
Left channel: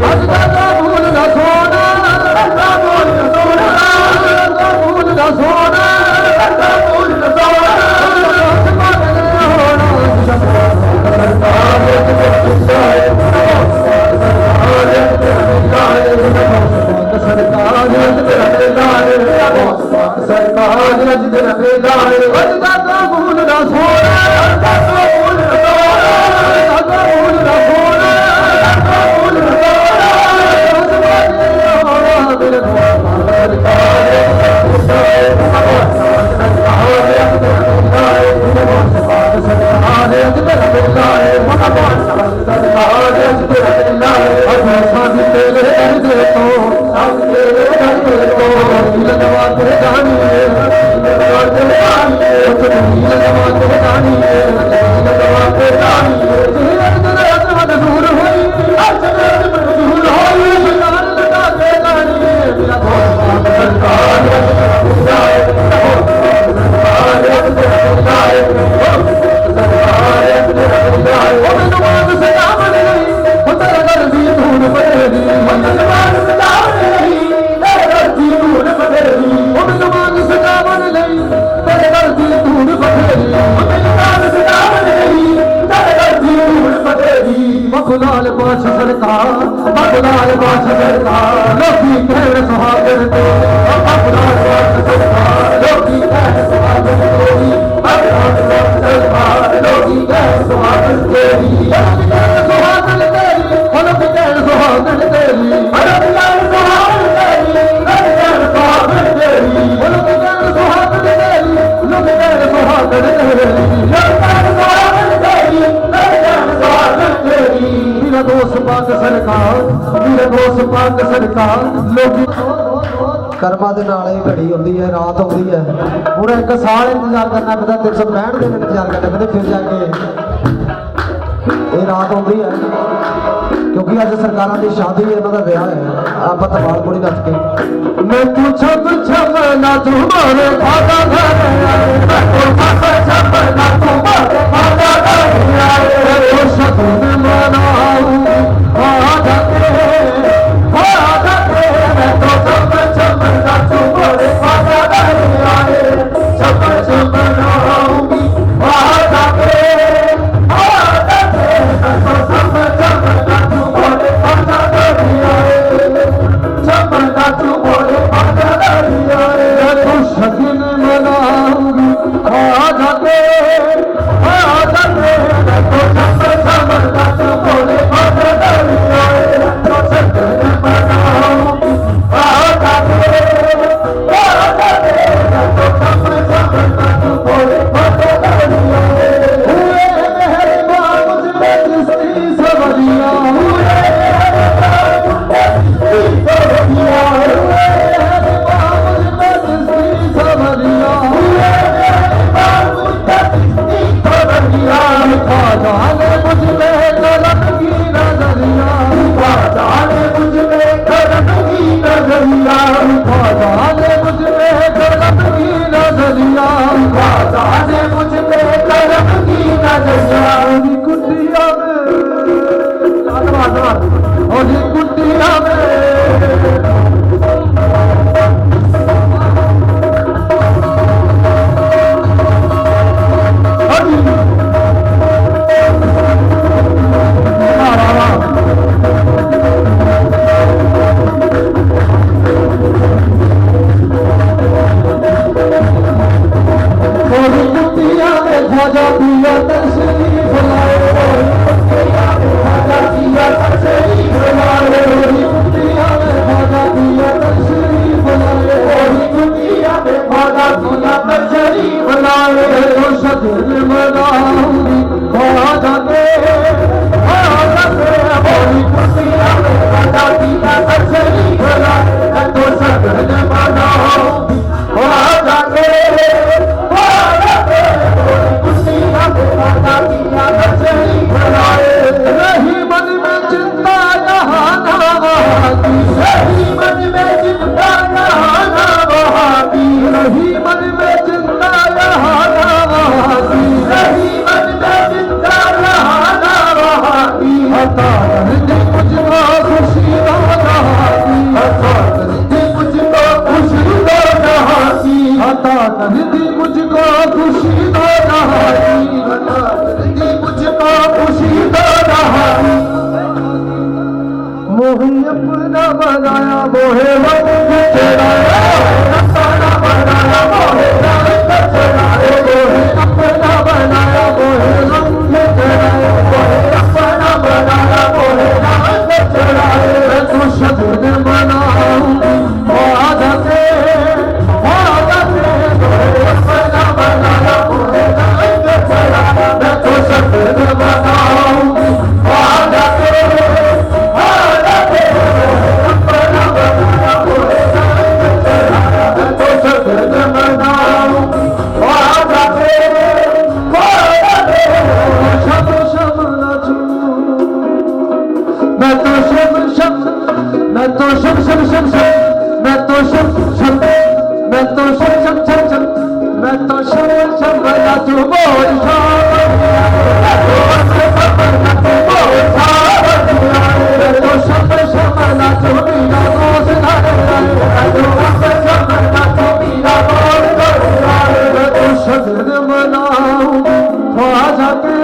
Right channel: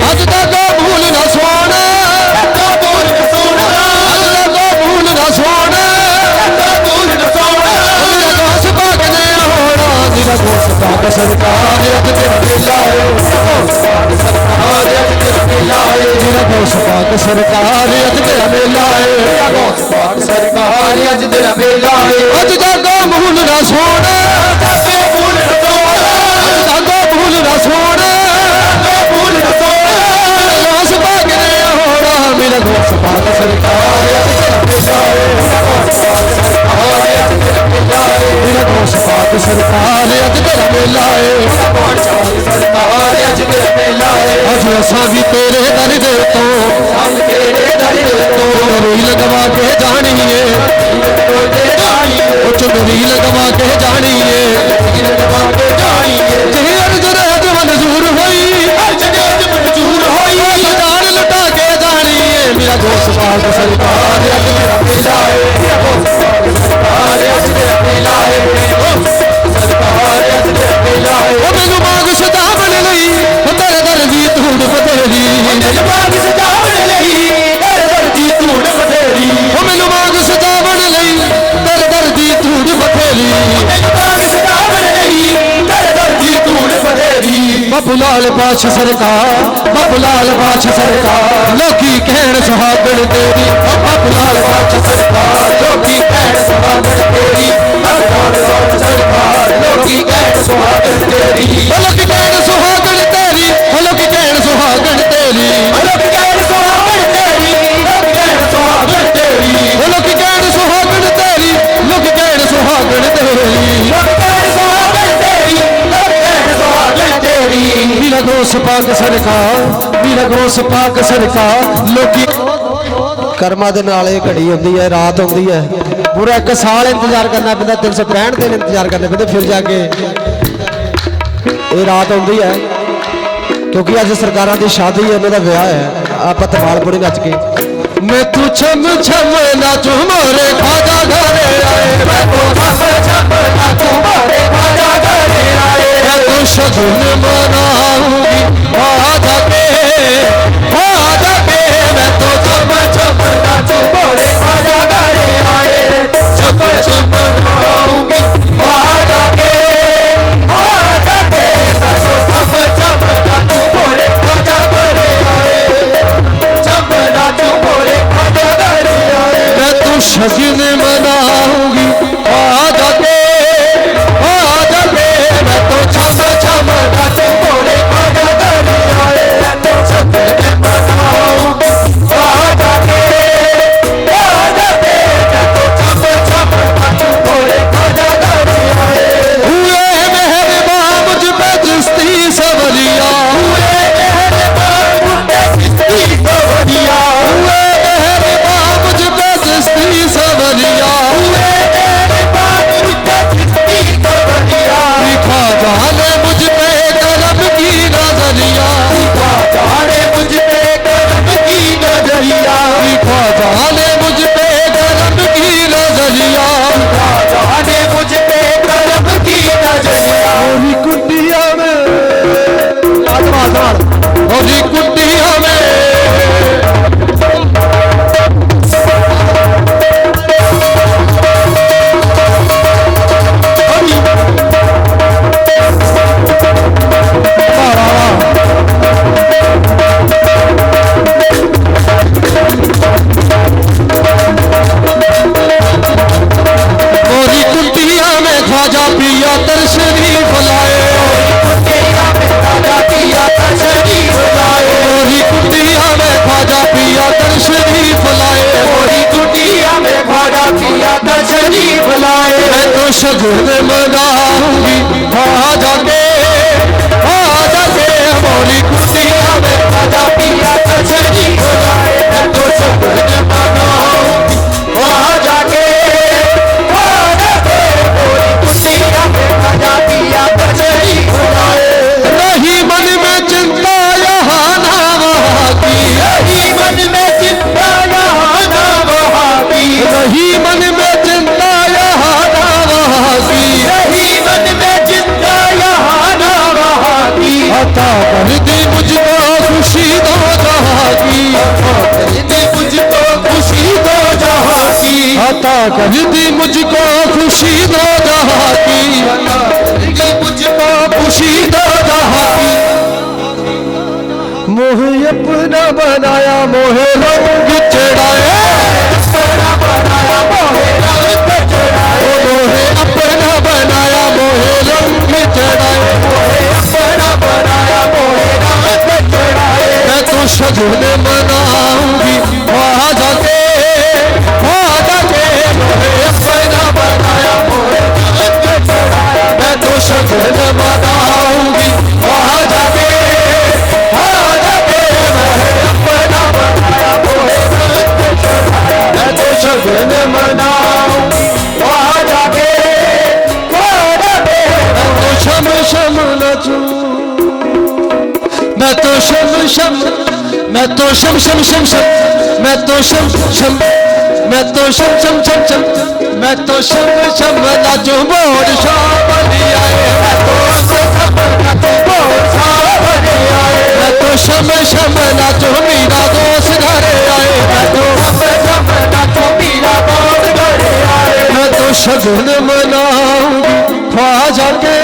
अज जागो मूल न सोना मूल न सोना मूल न सोना मेरा दोस्त भाग रे आना मेरा दोस्त भाग सरकार अज तेरा मेला है सरकार अज तेरा मेला है मेरा दोस्त भाग सरकार अज तेरा मेला है सरकार अज तेरा मेला है अज जागो मूल न सोना मूल न सोना अज जागो मूल न सोना मूल न सोना मेरा दोस्त भाग रे आना मेरा दोस्त भाग सरकार अज तेरा मेला है मेरा दोस्त भाग सरकार अज तेरा मेला है सरकार अज तेरा मेला है अज असां भी तेरे दर दे तो हम तेरे दर तो रील लगवा के जानी है कुछ रील लगवा के जानी है मंजूर हुई मंजूर हुई जान लुटा के जानी है मेरा दोस्त भाग सरकार अज तेरा मेला है मैनू मांग सजावण लई तेरा दर दी धूड़ बतेरी मैनू मांग सजावण लई तेरा दर दी धूड़ बतेरी बापू लाल पाछ सरकार बापू लाल पाछ सरकार लोकी कहण सुहागण तेरी बापू लाल पाछ सरकार लोकी कहण सुहागण तेरी बापू लाल पाछ सरकार लोकी कहण सुहागण तेरी लोकी कहण सुहागण तेरी लोकी कहण सुहागण तेरी लोकी कहण सुहागण तेरी लोकी कहण सुहागण तेरी लोकी कहण सुहागण तेरी लोकी कहण सुहागण तेरी मेरा दोस्त पाक सरकार मेरा दोस्त पाक सरकार लोकी कर्मा ਦੇ ਨਾਲ ਇਹ ਘੜੀ ਹੁੰਦੀ ਹੈ ਰਾਤ ਹੁੰਦੀ ਹੈ ਪੂਰਾ 1 ਸਾਲ ਇੰਤਜ਼ਾਰ ਕਰਨਾ ਪੈਂਦਾ 365 ਦਿਨ ਇੰਤਜ਼ਾਰ ਕਰਨਾ ਪੈਂਦਾ ਫਿਰ ਜਾ ਕੇ ਇਹ ਰਾਤ ਹੁੰਦੀ ਹੈ ਕਿਉਂਕਿ ਅੱਜ ਸਰਕਾਰਾਂ ਦੀ ਸ਼ਾਦੀ ਹੈ ਉਹਨਾਂ ਦਾ ਵਿਆਹ ਹੈ ਆਪਾਂ ਤਵਾਲ ਪੜੀ ਨੱਚ ਕੇ ਮੈਂ ਤੂੰ ਛਮ ਛਮ ਨਾਚੂ ਮੋਰੇ ਖਾਦਾ ਘਰੇ ਆਏ ਮੈਂ ਤੂੰ ਛਮ ਛਮ ਨਾਚੂ ਮੋਰੇ ਖਾਦਾ ਘਰੇ ਆਏ ਮੈਂ ਤੂੰ ਸ਼ਗੁਨ ਮਨਾਉਂਗੀ ਆਜਾ ਕੇ मैं तो छम छम नाचू मोरे खादा घरे आए छम छम नाऊंगी आजा के मैं तो छम छम नाचू मोरे खादा सजन मनाऊंगी आ जाके हमारी खुशियां में आजा पिया कचरी खिलाए मैं तो सजन मनाऊंगी आ जाके हमारी खुशियां में आजा पिया कचरी खिलाए नहीं मन में चिंता यहाँ ना वहाँ की नहीं मन में चिंता यहाँ ना वहाँ की नहीं मन में चिंता यहाँ ना वहाँ की नहीं मन में चिंता यहाँ ना वहाँ की अता कर दी मुझको खुशी दो जहाँ की अता कर दी मुझको खुशी दो जहाँ की अता कर दी मुझको खुशी दो जहाँ की अता कर दी मुझको खुशी दो जहाँ की मोहे अपना बनाया मोहे रंग चढ़ाया अपना बनाया मोहे रंग चढ़ाया मोहे अपना बनाया मोहे रंग चढ़ाया मोहे अपना बनाया मोहे रंग चढ़ाया मैं तो सजन मनाऊंगी आ जाके मोहे अपना बनाया मोहे रंग चढ़ाया मैं तो सजन मनाऊंगी आ जाके सजन मनाऊंगी आ जाके मैं तो शम शम नचूं मैं तो शम शम मैं तो शम शम शम शम मैं तो शम शम मैं तो शम शम शम शम मैं तो शम शम नचूं बोल शामनी आए मैं तो शम नचूं बोल शामनी आए मैं तो शम शम नचूं मीना दोस्त घरे आए मैं तो शम नचूं मीना दोस्त घरे आए मैं तो सजन मनाऊंगी खा जाके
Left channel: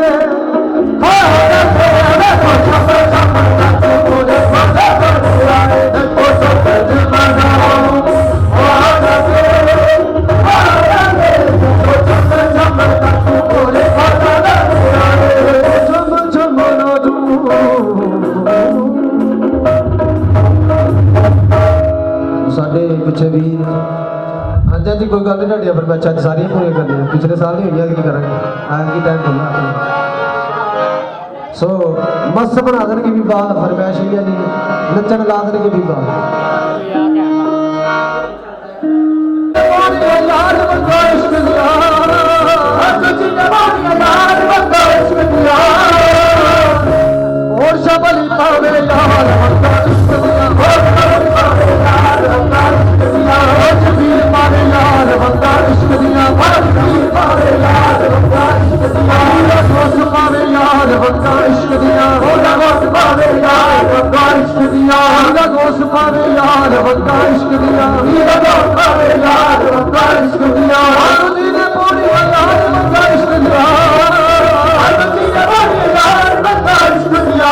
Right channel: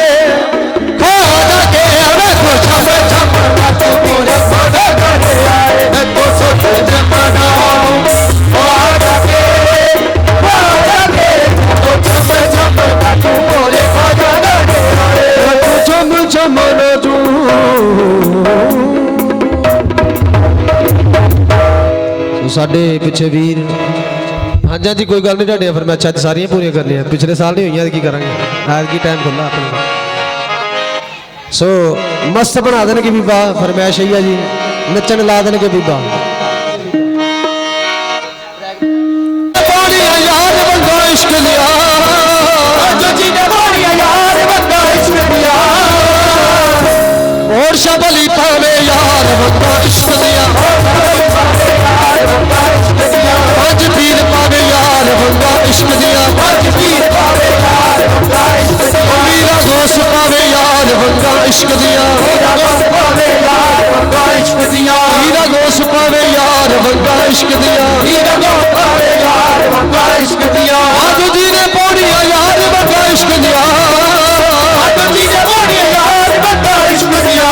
मैं तो शम शम नचूं बोले सारे घरे आए मैं तो सजन मनाऊंगी खा जाके मैं तो शम शम नचूं बोले सारे घरे आए मैं तो शम शम नचूं साढ़े पिछे वीर हाँ जी जी कोई गल नहीं ढाडिया फरमाइशां सारियां पूरियां कर लिया पिछले साल नहीं हुई की करेंगे आज की टाइम खुला अपनी सो मस्त बना देंगे बीबा फरमाइश ही है जी नचन ला देंगे बीबा और शबली पावे यार इश्क दिया आज पीर पावे यार बंदा इश्क दिया आज पीर पावे यार बंदा इश्क दिया मेरा दोस्त पावे यार बंदा इश्क दिया मेरा दोस्त पावे यार बंदा इश्क दिया मेरा दोस्त पावे यार बंदा इश्क दिया मेरा दोस्त पावे यार बंदा इश्क दिया आज जीने पौड़ी यार बंदा इश्क दिया आज जीने पौड़ी यार बंदा इश्क दिया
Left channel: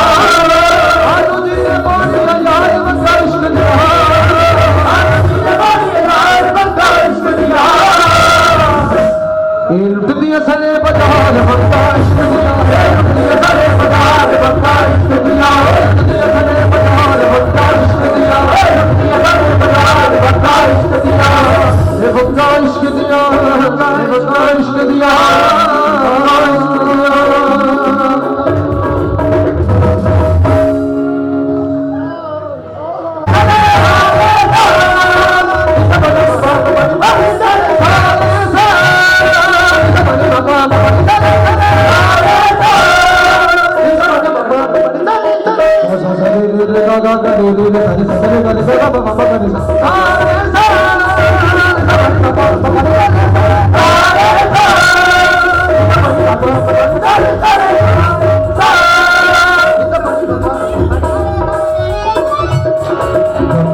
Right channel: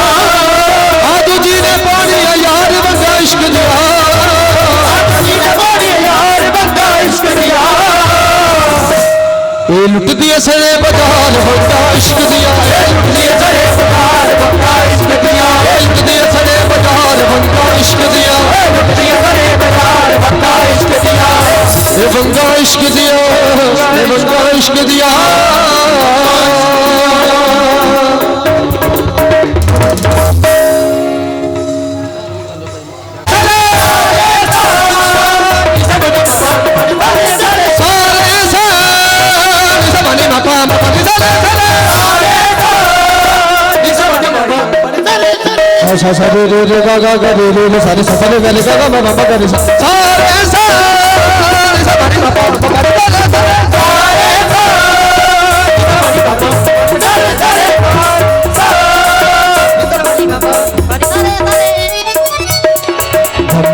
आज जीने पौड़ी यार बंदा इश्क दिया ये लुट दिए सड़े बाजार बंदा इश्क दिया लुट दिए सड़े बाजार बंदा इश्क दिया लुट दिए सड़े बाजार बंदा इश्क दिया लुट दिए सड़े बाजार बंदा इश्क दिया ये बंदा इश्क दिया ये बंदा इश्क दिया सारे सफल गले से बाबा गले सारे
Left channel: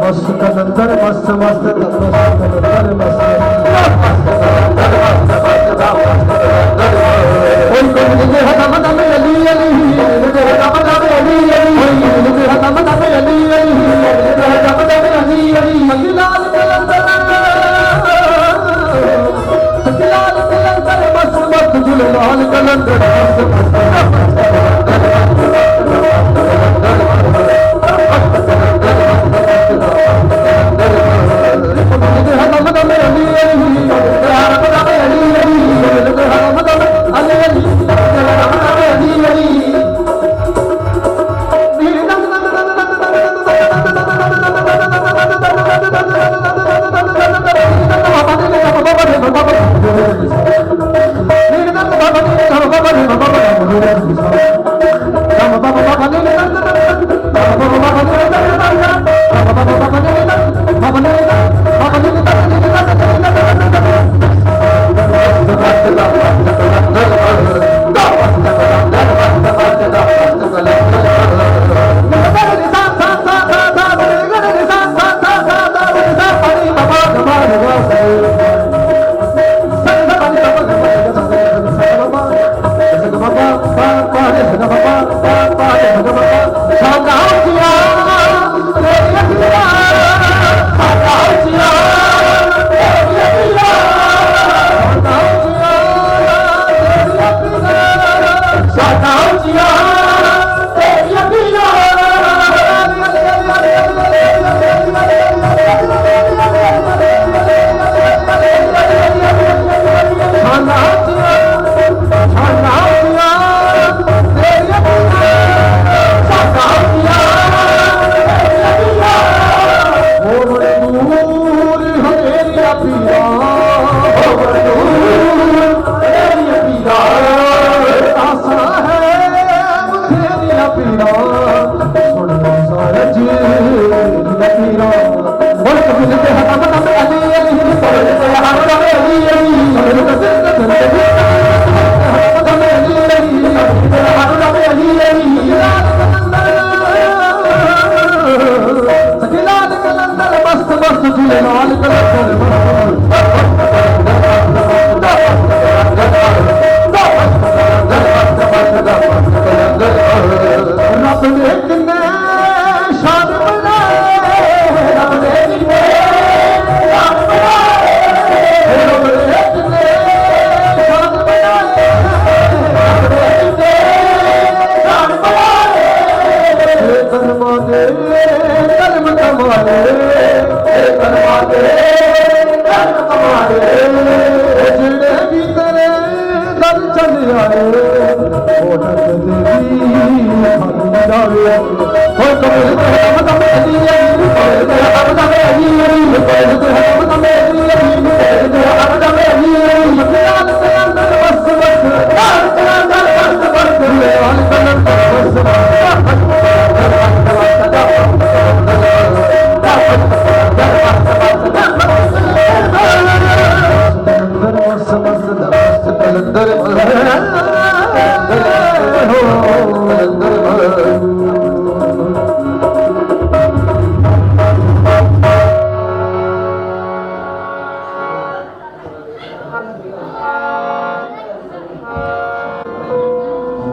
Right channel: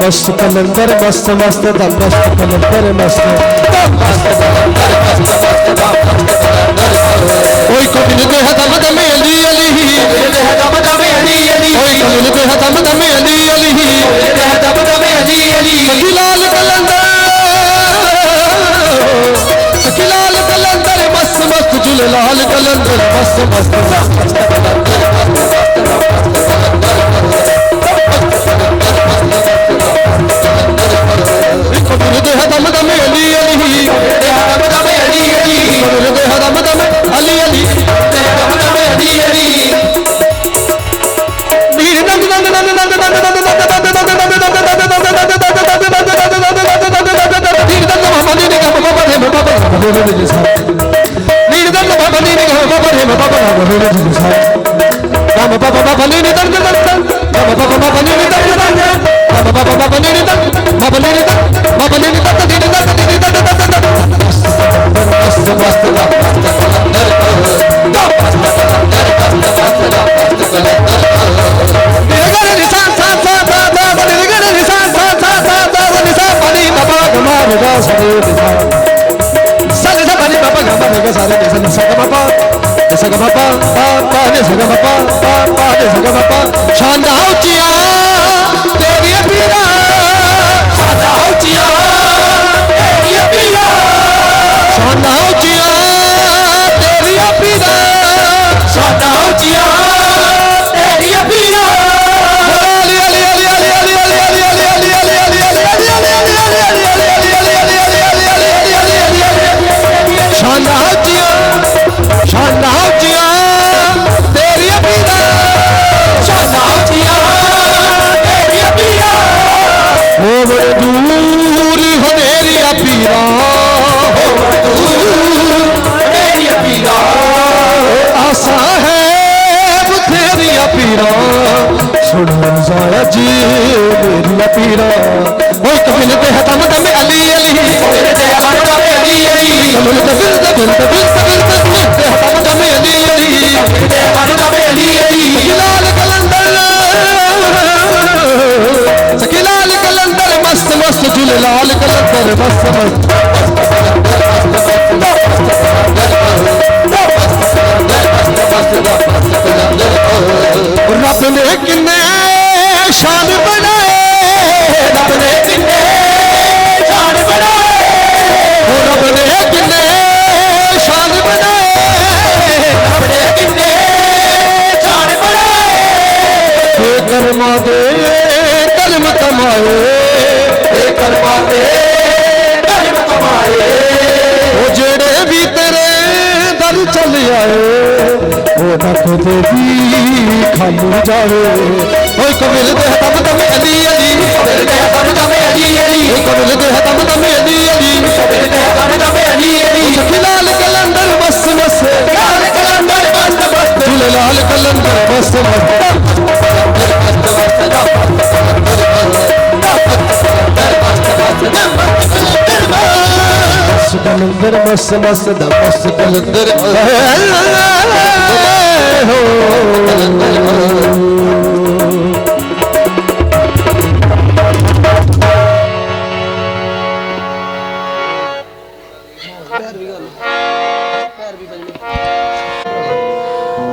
मस्त कलंदर मस्त मस्त मस्त कलंदर मस्त कोई को मिलते हैं दम दम अली अली मिलते हैं दम दम अली अली कोई मिलते हैं दम दम अली अली मिलते हैं दम दम अली अली सखीलाल कलंदर मस्त मस्त झूलेलाल कलंदर मस्त मस्त दम दम अली अली दम दम अली अली दम दम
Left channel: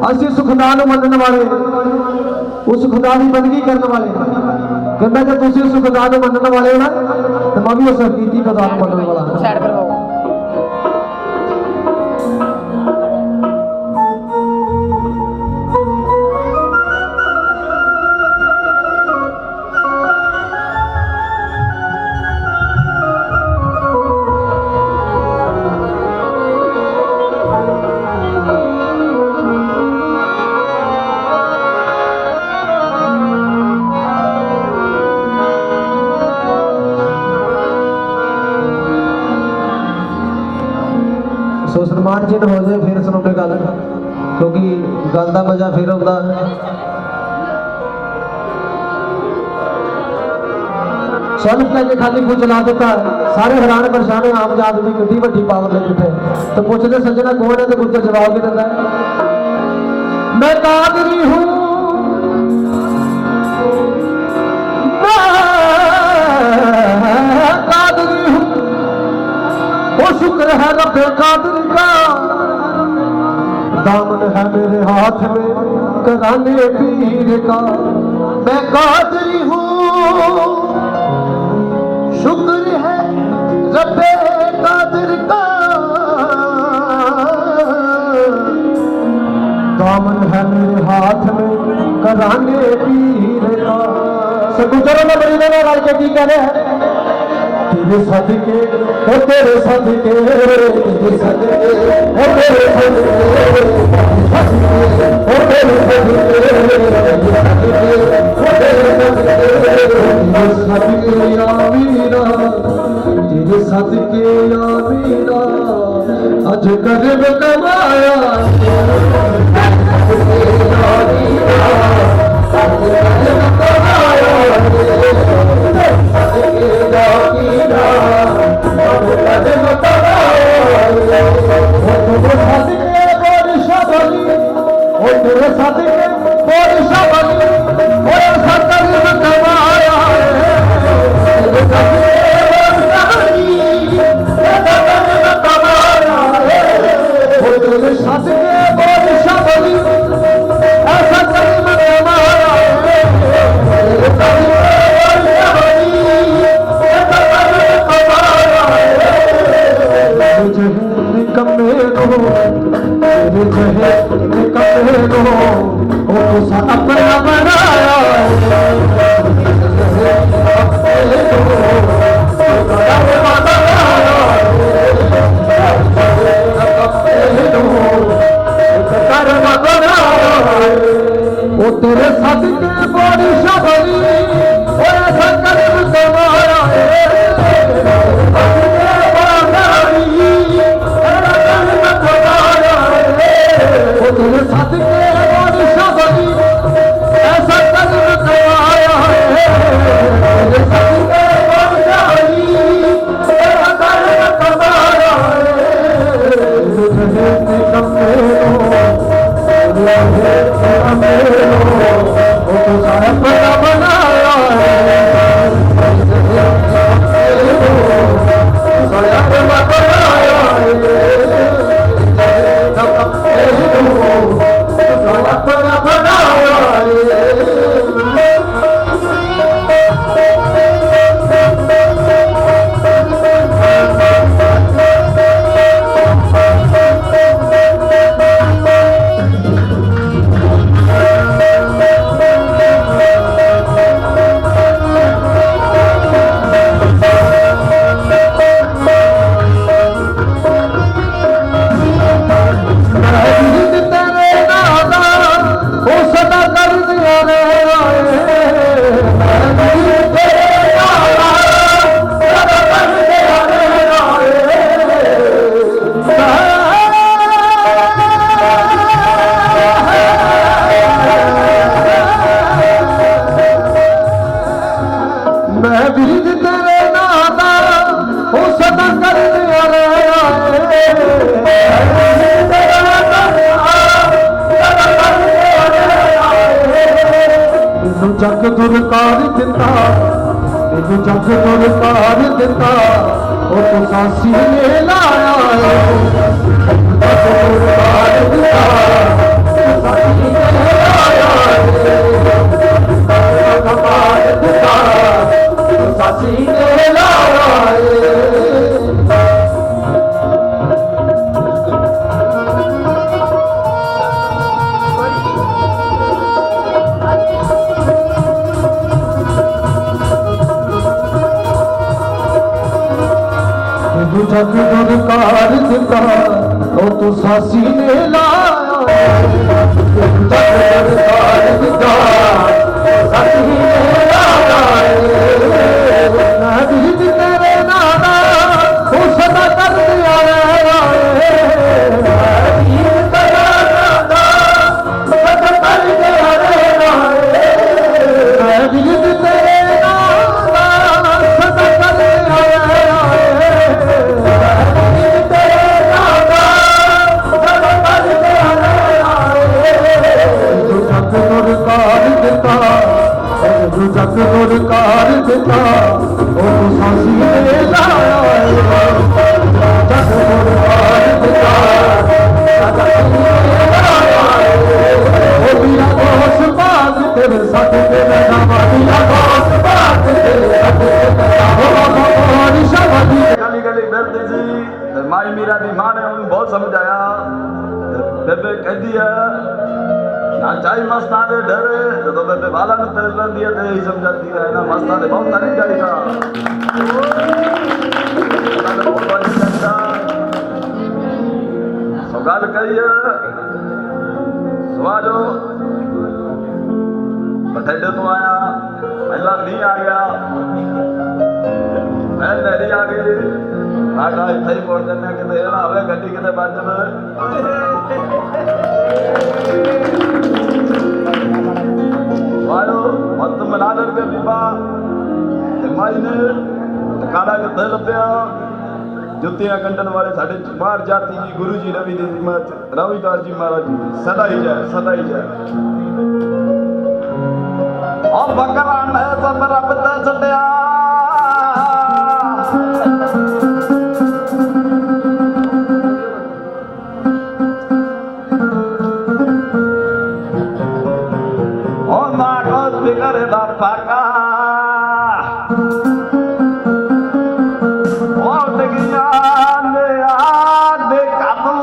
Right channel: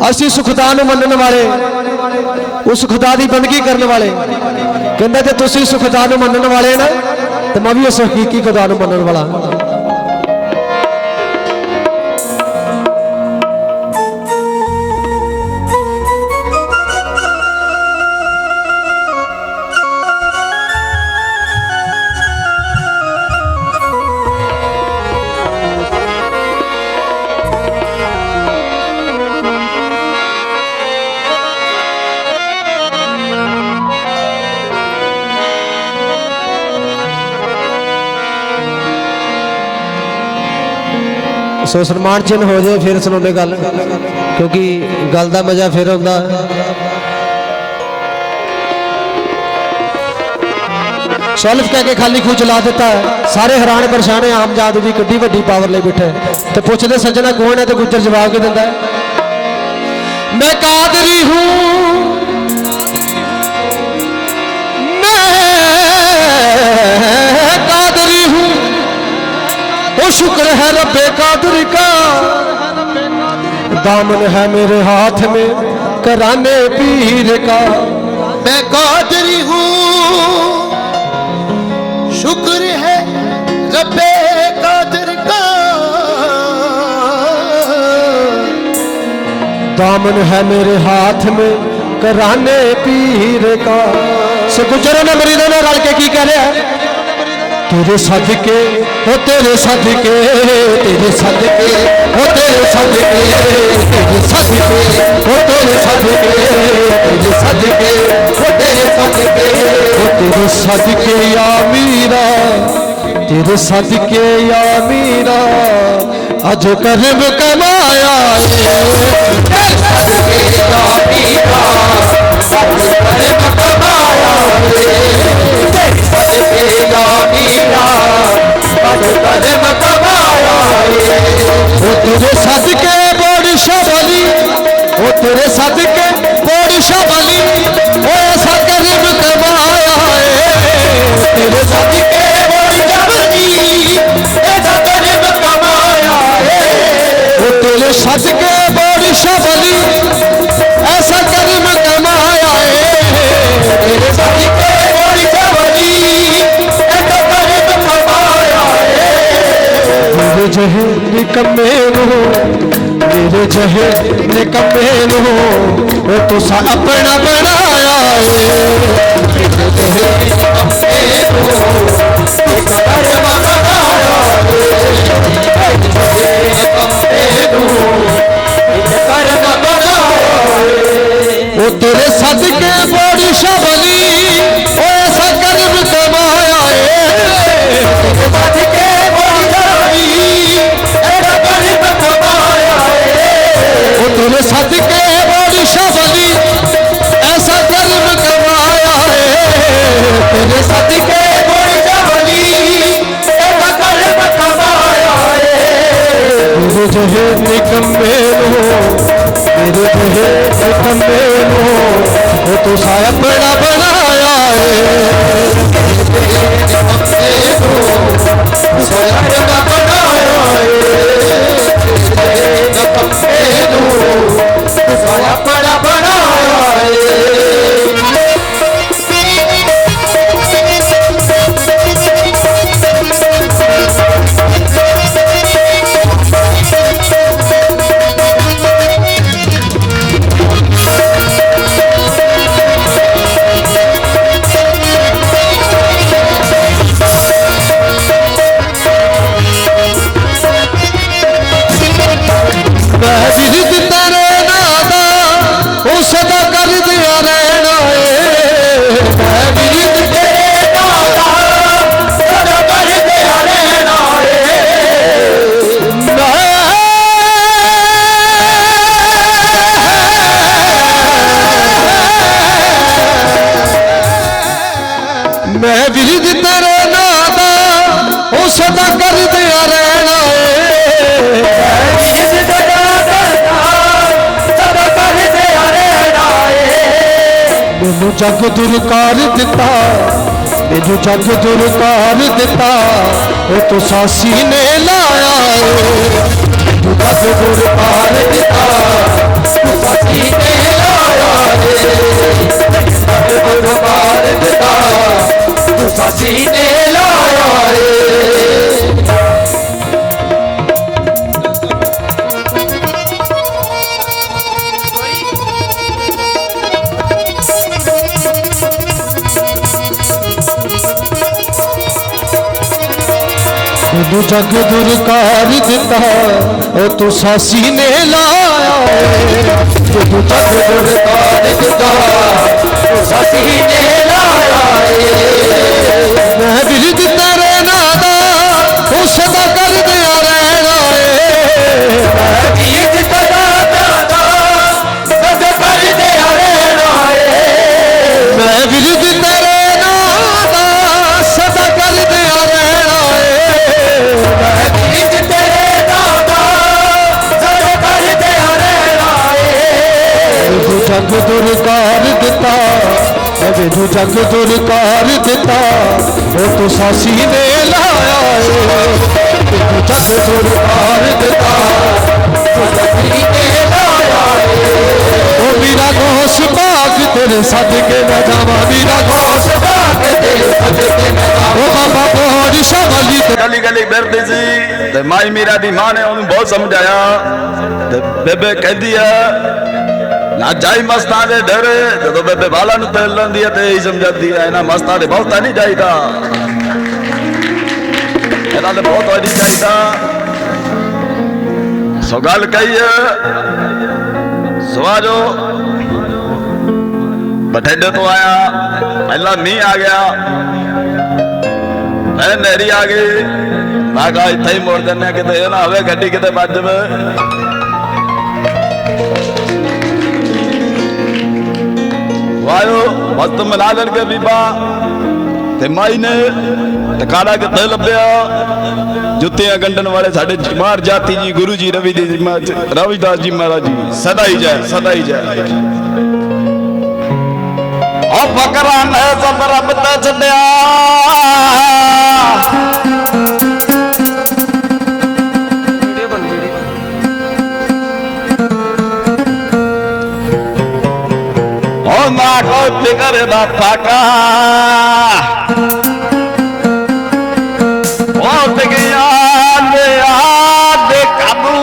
ਅਸੀਂ ਸੁਖਦਾ ਨੂੰ ਮੰਨਣ ਵਾਲੇ ਉਸ ਖੁਦਾ ਦੀ ਬੰਦਗੀ ਕਰਨ ਵਾਲੇ ਕਹਿੰਦਾ ਜੇ ਤੁਸੀਂ ਸੁਖਦਾ ਨੂੰ ਮੰਨਣ ਵਾਲੇ ਨਾ ਤੇ ਮੈਂ ਵੀ ਉਸ ਹਕੀਕੀ ਖੁਦਾ ਨੂੰ ਮੰਨਣ ਵਾਲਾ सो सन्मान चिन्ह हो जाए फिर सुनो गल क्योंकि गल का मजा फिर आता सो अलिफ कह के खाली खूह चला देता सारे हैरान परेशान है आम जात भी किड्डी वड्डी पावर ले बैठे तो पूछते सज्जन कौन है तो गुज्जर जवाब की दिंदा है मैं कादरी हूं मैं कादरी हूं वो शुक्र है रब्बे कादर का दामन है मेरे हाथ में कराने पीर का मैं कादरी हूँ शुक्र है रब्बे कादर का दामन है मेरे हाथ में कराने पीर का गुजर ने मरीजों ने रल के की कह रहा है तेरे सदके ओ तेरे सदके तेरे सदके ओ तेरे सदके तेरे सदके ओ तेरे सदके तेरे सदके ओ तेरे सदके ओ तेरे सदके या मीरा तेरे सदके या मीरा अज करब कमाया तेरे सदके या मीरा अज करब कमाया तेरे सदके या ਜਿਹੇ ਨਿਕੰਮੇ ਨੂੰ ਉਹ ਤੁਸਾਂ ਆਪਣਾ ਬਣਾਇਆ ਏ ਜਿਹੇ ਨਿਕੰਮੇ ਨੂੰ ਇੱਕ ਕਰਮ ਬਣਾਇਆ ਏ ਜਿਹੇ ਨਿਕੰਮੇ ਨੂੰ ਇੱਕ ਕਰਮ ਬਣਾਇਆ ਏ ਉਹ ਤੇਰੇ ਸਦਕੇ ਬੜੀ ਸ਼ਬਲੀ ਉਹ ਐਸਾ ਕਰਮ ਕਮਾਇਆ ਏ ਸਦਕੇ ਬੜੀ ਸ਼ਬਲੀ ਐਸਾ ਕਰਮ ਕਮਾਇਆ ਏ ਉਹ ਤੇਰੇ ਸਦਕੇ ਬੜੀ ਸ਼ਬਲੀ ਐਸਾ ਕਰਮ ਕਮਾਇਆ ਏ ਤੇਰੇ ਸਦਕੇ ਬੜੀ ਸ਼ਬਲੀ ਐਸਾ ਕਰਮ ਕਮਾਇਆ ਏ ਮੇਰੇ ਜਿਹੇ ਨਿਕੰਮੇ ਨੂੰ ਮੇਰੇ ਜਿਹੇ ਨਿਕੰਮੇ ਨੂੰ ਉਹ ਤੁਸਾਂ ਆਪਣਾ ਬਣਾਇਆ ਏ ਤੁਸਾਂ ਆਪਣਾ ਬਣਾਇਆ ਏ ਨਿਕੰਮੇ ਨੂੰ ਤੁਸਾਂ ਆਪਣਾ ਬਣਾਇਆ ਏ ਮੈਂ ਵਿਰਦ ਤੇਰੇ ਨਾਂ ਦਾ ਉਹ ਸਦਾ ਕਰਦੇ ਰਹਿਣਾ ਏ ਵਿਰਦ ਤੇਰਾ ਨਾਂ ਦਾ ਸਦਾ ਕਰਦੇ ਰਹਿਣਾ ਏ ਮੈਨੂੰ ਜਗ ਦੁਰਕਾਰ ਦਿੱਤਾ ਮੈਨੂੰ ਜਗ ਦੁਰਕਾਰ ਦਿੱਤਾ ਉਹ ਤੁਸਾਂ ਸੀਨੇ ਲਾਇਆ ਏ ਮੈਨੂੰ ਜਗ ਦੁਰਕਾਰ ਦਿੱਤਾ ਤੁਸਾਂ ਸੀਨੇ ਲਾਇਆ ਏ ਦੁਰਕਾਰ ਦਿੱਤਾ सीने लाया मैनू जग दुरकार दिता ओ तुसां सीने लाया मैनू जग दुरकार दिता तुसां सीने लाया मैं बिरद तेरे नां दा तू सदा कर दिया रहना ए मैं बिरद तेरे नां दा सदा कर दिया रहना ए मैं बिरद तेरे नां दा सदा कर दिया रहना ए मैं बिरद तेरे नां दा सदा कर दिया रहना ए तू जग दुरकार दिता मैनू जग दुरकार दिता वो तुसां सीने लाया मैनू जग दुरकार दिता तुसां सीने लाया वो मेरा घोष बाग तेरे सदके मैं जावां मेरा घोष बाग तेरे सदके मैं जावां बाबा मोहन शबली गली गली फिरदी सी ते माई मीरा दी मां ने उन्हें बहुत समझाया ते बेबे कहदी है ना जाई मस्तां दे डर जदों बेबे वाला नु तेल लंदी है ते ही समझाती है ना मस्तां दे बहुता नहीं जाईदा एना दे बहुत नहीं जाईदा सो गल कही है सवाजो बठेडे तो आया पहला मीह आ गया फिर नेरी आ गई मैं कहा इत्थे ही मोड़ देने किते ना हवे गड्डी किते बज जावे वायो मस्त मिला लड़के बीबा ते माई ने टकारा किथे लभ्या जुत्तियां गंढन वाले साडे मार जाती जी गुरु जी रविदास जी महाराज जी सदा ही जय सदा ही जय और बकरा ने सब रब ते छड्या फिकर दा फाका बहुत गया काबू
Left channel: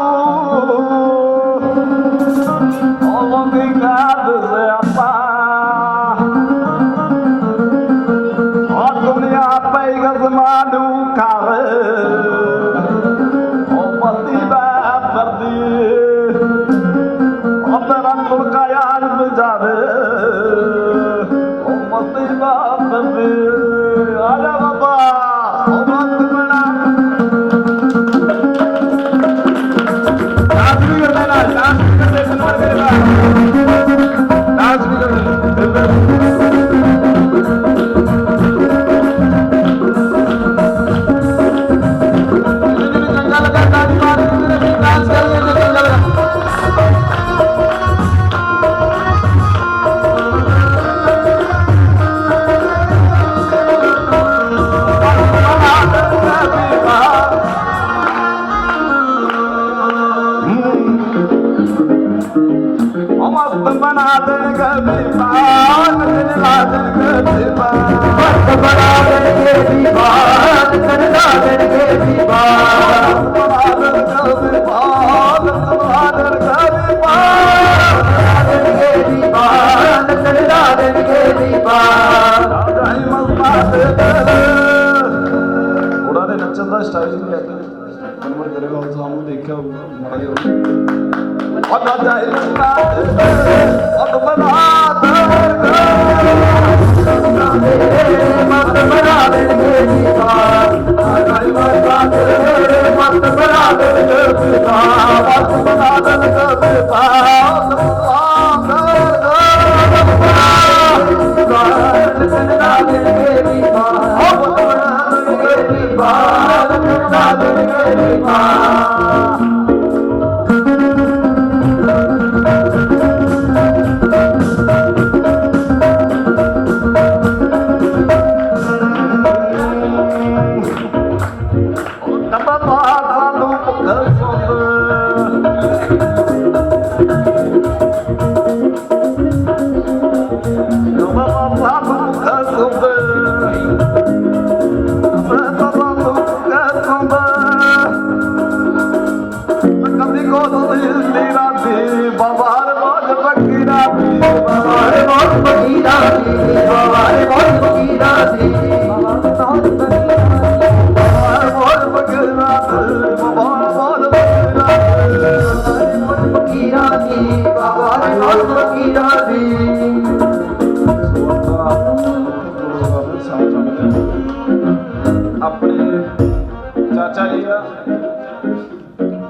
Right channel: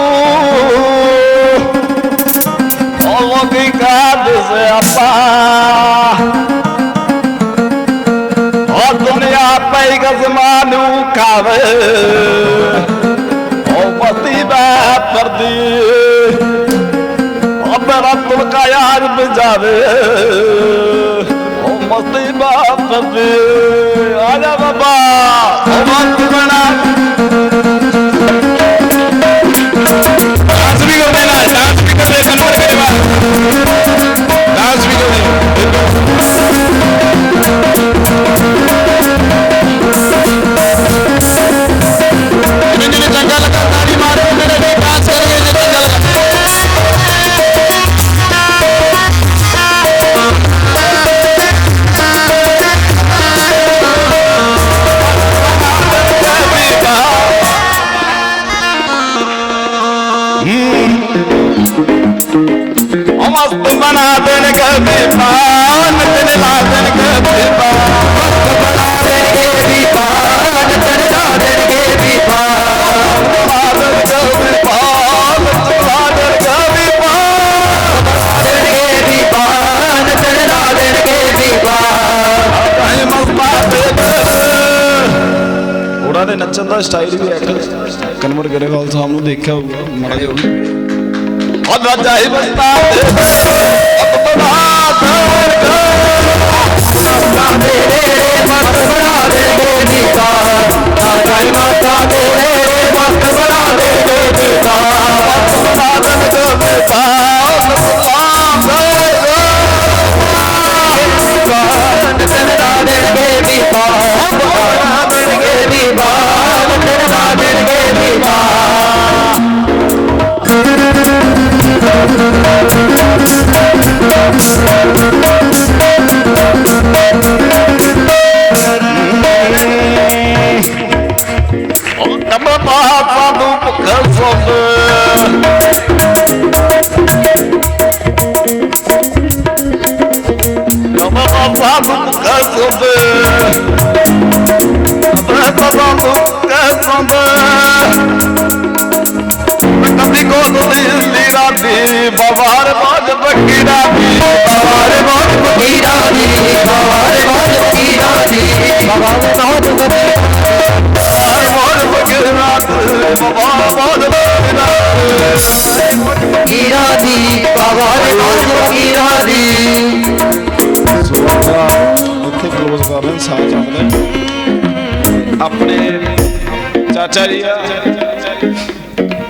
ਪਿਆ ਪਈ ਗਜ਼ਮਾਨੂ ਕਾਵੇ ਉਹ ਮਸਤੀ ਮੈਂ ਪਰਦੀ ਮੇਰਾ ਤੁਲਕਾ ਯਾਰ ਬਜਾਵੇ ਉਹ ਮਸਤੀ ਬਾਤ ਕਰਦੇ ਆ ਜਾ ਬਾਬਾ ਉਹ ਮਸਤ ਬਣਾ ਡਾਂਸ ਵੀ ਕਰਦੇ ਨਾ ਡਾਂਸ ਵੀ ਕਰਦੇ ਕਨਵਰ ਕਰੇ ਵਾ ਡਾਂਸ ਵੀ ਕਰਦੇ ਜਿਹਨੇ ਚੰਗਾ ਲੱਗਾ ਤਾੜੀ ਮਾਰੋ ਜਿਹੜੇ ਡਾਂਸ ਕਰਨਗੇ ਚੰਗਾ ਲੱਗਾ मस्त बना देंगे बेपान ला देंगे मस्त बना देंगे बेपान ला देंगे बेपान ला देंगे बेपान ला देंगे बेपान ला देंगे बेपान ਉਹਨਾਂ ਦੇ ਨੱਚਣ ਦਾ ਸਟਾਈਲ ਵੀ ਇੱਕ ਕਨਵਰ ਗਰੇਵਾਲ ਸਾਹਿਬ ਨੂੰ ਦੇਖਿਆ ਹੋਊਗਾ ਮਾੜਾ ਜਿਹਾ Allah jahi basta de ab bana de mast bana de dikar jahi mata de mast bana de dikar mast bana de ਆਪਣੇ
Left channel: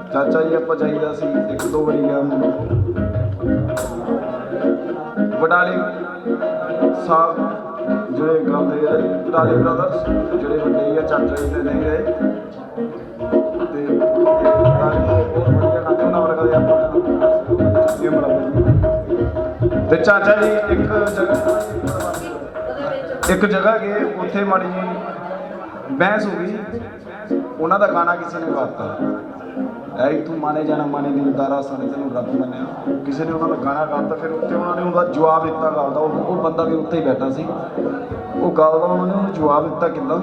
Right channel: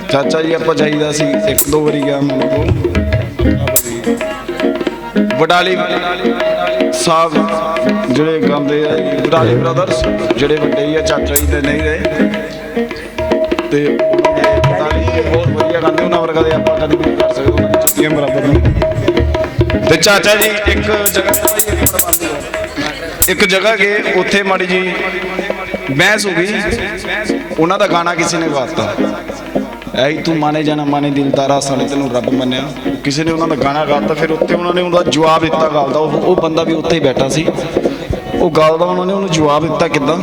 ਚਾਚਾ ਜੀ ਆਪਾਂ ਜਾਈਦਾ ਸੀ ਇੱਕ ਦੋ ਵਾਰੀ ਗਿਆ ਮੈਨੂੰ ਵਡਾਲੀ ਸਾਹਿਬ ਜਿਹੜੇ ਗਾਉਂਦੇ ਆ ਵਡਾਲੀ ਬ੍ਰਦਰਸ ਜਿਹੜੇ ਵੱਡੇ ਆ ਚਾਚਾ ਜੀ ਦੇ ਨਹੀਂ ਗਏ ਤੇ ਬਹੁਤ ਵਧੀਆ ਗਾਉਂਦੇ ਉਹਨਾਂ ਵਰਗਾ ਦੇ ਆਪਾਂ ਕਦੇ ਨਹੀਂ ਕਰ ਸਕਦੇ ਜੁੱਤੀਆਂ ਬਰਾਬਰ ਨਹੀਂ ਤੇ ਚਾਚਾ ਜੀ ਇੱਕ ਜਗ੍ਹਾ ਗਏ ਉੱਥੇ ਮਾੜੀ ਜੀ ਬਹਿਸ ਹੋ ਗਈ ਉਹਨਾਂ ਦਾ ਗਾਣਾ ਕਿਸੇ ਨੇ ਗਾਤਾ ਐ ਤੂੰ ਮਾਨੇ ਜਾਣਾ ਮਾਨੇ ਦਿਲਦਾਰਾ ਸਾਲੇ ਤੈਨੂੰ ਰੱਬ ਮੰਨਿਆ ਕਿਸੇ ਨੇ ਉਹਨਾਂ ਦਾ ਗਾਣਾ ਗਾਤਾ ਫਿਰ ਉੱਤੇ ਉਹਨਾਂ ਨੇ ਉਹਦਾ ਜਵਾਬ ਦਿੱਤਾ ਗਾਲ ਦਾ ਉਹ ਬੰਦਾ ਵੀ ਉੱਥੇ ਹੀ ਬੈਠਾ ਸੀ ਉਹ ਗਾਲ ਦਾ ਉਹਨਾਂ ਨੇ ਉਹਨੂੰ ਜਵਾਬ ਦਿੱਤਾ ਕਿੱਦਾਂ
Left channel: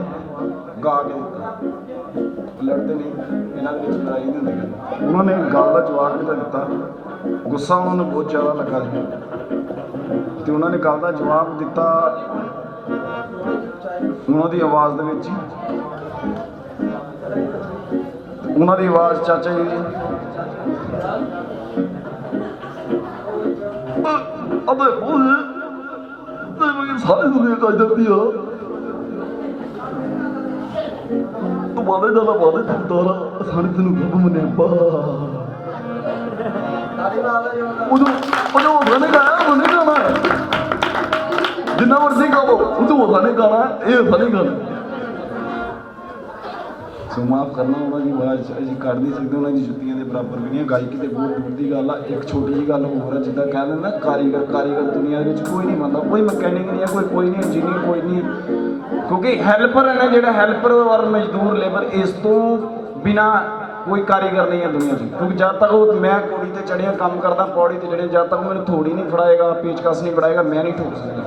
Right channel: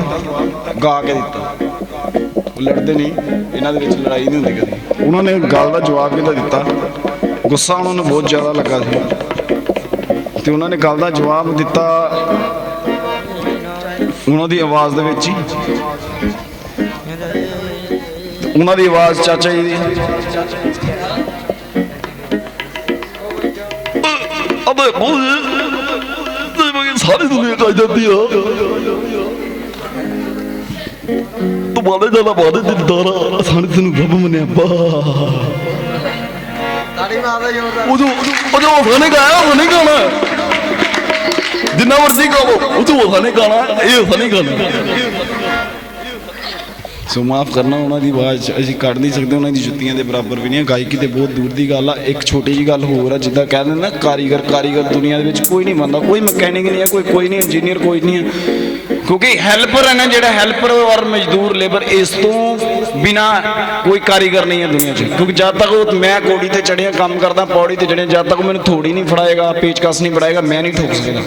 ਗਾ ਕੇ ਦਿੱਤਾ ਲੜਦੇ ਨਹੀਂ ਇਹਨਾਂ ਦੇ ਵਿੱਚ ਲੜਾਈ ਨਹੀਂ ਹੁੰਦੀ ਕਦੇ ਉਹਨਾਂ ਨੇ ਗੱਲ ਦਾ ਜਵਾਬ ਕਿੱਦਾਂ ਦਿੱਤਾ ਗੁੱਸਾ ਉਹਨਾਂ ਨੂੰ ਬਹੁਤ ਜ਼ਿਆਦਾ ਲੱਗਾ ਸੀ ਤੇ ਉਹਨਾਂ ਨੇ ਗੱਲ ਦਾ ਜਵਾਬ ਦਿੱਤਾ ਉਹਨਾਂ ਦੀ ਆਵਾਜ਼ ਦੇ ਵਿੱਚ ਹੀ ਉਹਨਾਂ ਦੀ ਆਵਾਜ਼ ਚਾਚਾ ਜੀ ਦੀ ਅਬੇ ਸਾਰੀ ਦੁਨੀਆ ਕਰ ਜਾਂਦੀ ਆ ਤੂੰ ਬਾਦੇ ਜਿਆਦਾ ਬਾਦੇ ਦਿਲਦਾਰਾ ਸਾਰੇ ਤੈਨੂੰ ਰੱਬ ਮੰਨਿਆ ਬਾ ਤਾੜੀ ਮਾਰਦਾ ਉਹ ਜੋ ਉਹਨੇ ਗਾਇਆ ਉਹਨੇ ਗਾਣਾ ਜਿੰਨਾ ਮਰਜ਼ੀ ਗਾਓ ਉਹ ਤੋਂ ਉਹਨੇ ਗਾਣਾ ਇਹ ਨਹੀਂ ਗਾਣਾ ਸੋ ਮਾਫ ਕਰਨਾ ਉਹਨਾਂ ਦੀ ਆਵਾਜ਼ ਅਸੀਂ ਕੱਢ ਨਹੀਂ ਸਕਦੇ ਉਹਨਾਂ ਦੀ ਜੁੱਤੀਆਂ ਦੇ ਬਰਾਬਰ ਵੀ ਨਹੀਂ ਗਾਇਕੀ ਤੇ ਬਹੁਤ ਦੂਰ ਦੀ ਗੱਲ ਆ ਇੱਕ ਛੋਟੀ ਜਿਹੀ ਗੱਲ ਹੋਰ ਆ ਜਿੱਦਾਂ ਕਹਿੰਦੇ ਨਾ ਕਾਰੀਗਰ ਦੁਨੀਆ ਦੇ ਵਿੱਚ ਕੋਈ ਨਹੀਂ ਮੰਨਦਾ ਕੋਈ ਮਕੈਨਿਕ ਨਹੀਂ ਹੈ ਕੋਈ ਨਹੀਂ ਇੰਜੀਨੀਅਰ ਕੋਈ ਨਹੀਂ ਹੈ ਕਿਉਂਕਿ ਹੈਲਪਰ ਹੈ ਨਾ ਜਿਹੜਾ ਹੈਲਪਰ ਔਰ ਮਜ਼ਦੂਰ ਲੇਬਰ ਇਸ ਤੋਂ ਬਿਨਾ ਕੋਈ ਕਾਰੀਗਰ ਨਹੀਂ ਹੈ ਦੁਨੀਆ 'ਚ ਕਿਉਂਕਿ ਜਦ ਤੱਕ ਉਹ ਮੈਂ ਕੋੜੀ ਤੇ ਚੜ੍ਹਿਆ ਕੰਮ ਕਰਦਾ ਪੌੜੀ ਤੇ ਚੜ੍ਹਿਆ ਜਦ ਤੱਕ ਮੈਨੂੰ ਥੋੜੀ ਨਹੀਂ ਫੜਾਏਗਾ ਪੇਚਕਸ ਨਹੀਂ ਫੜਾਏਗਾ ਮੈਂ ਨਹੀਂ ਠੋਕ ਸਕਦਾ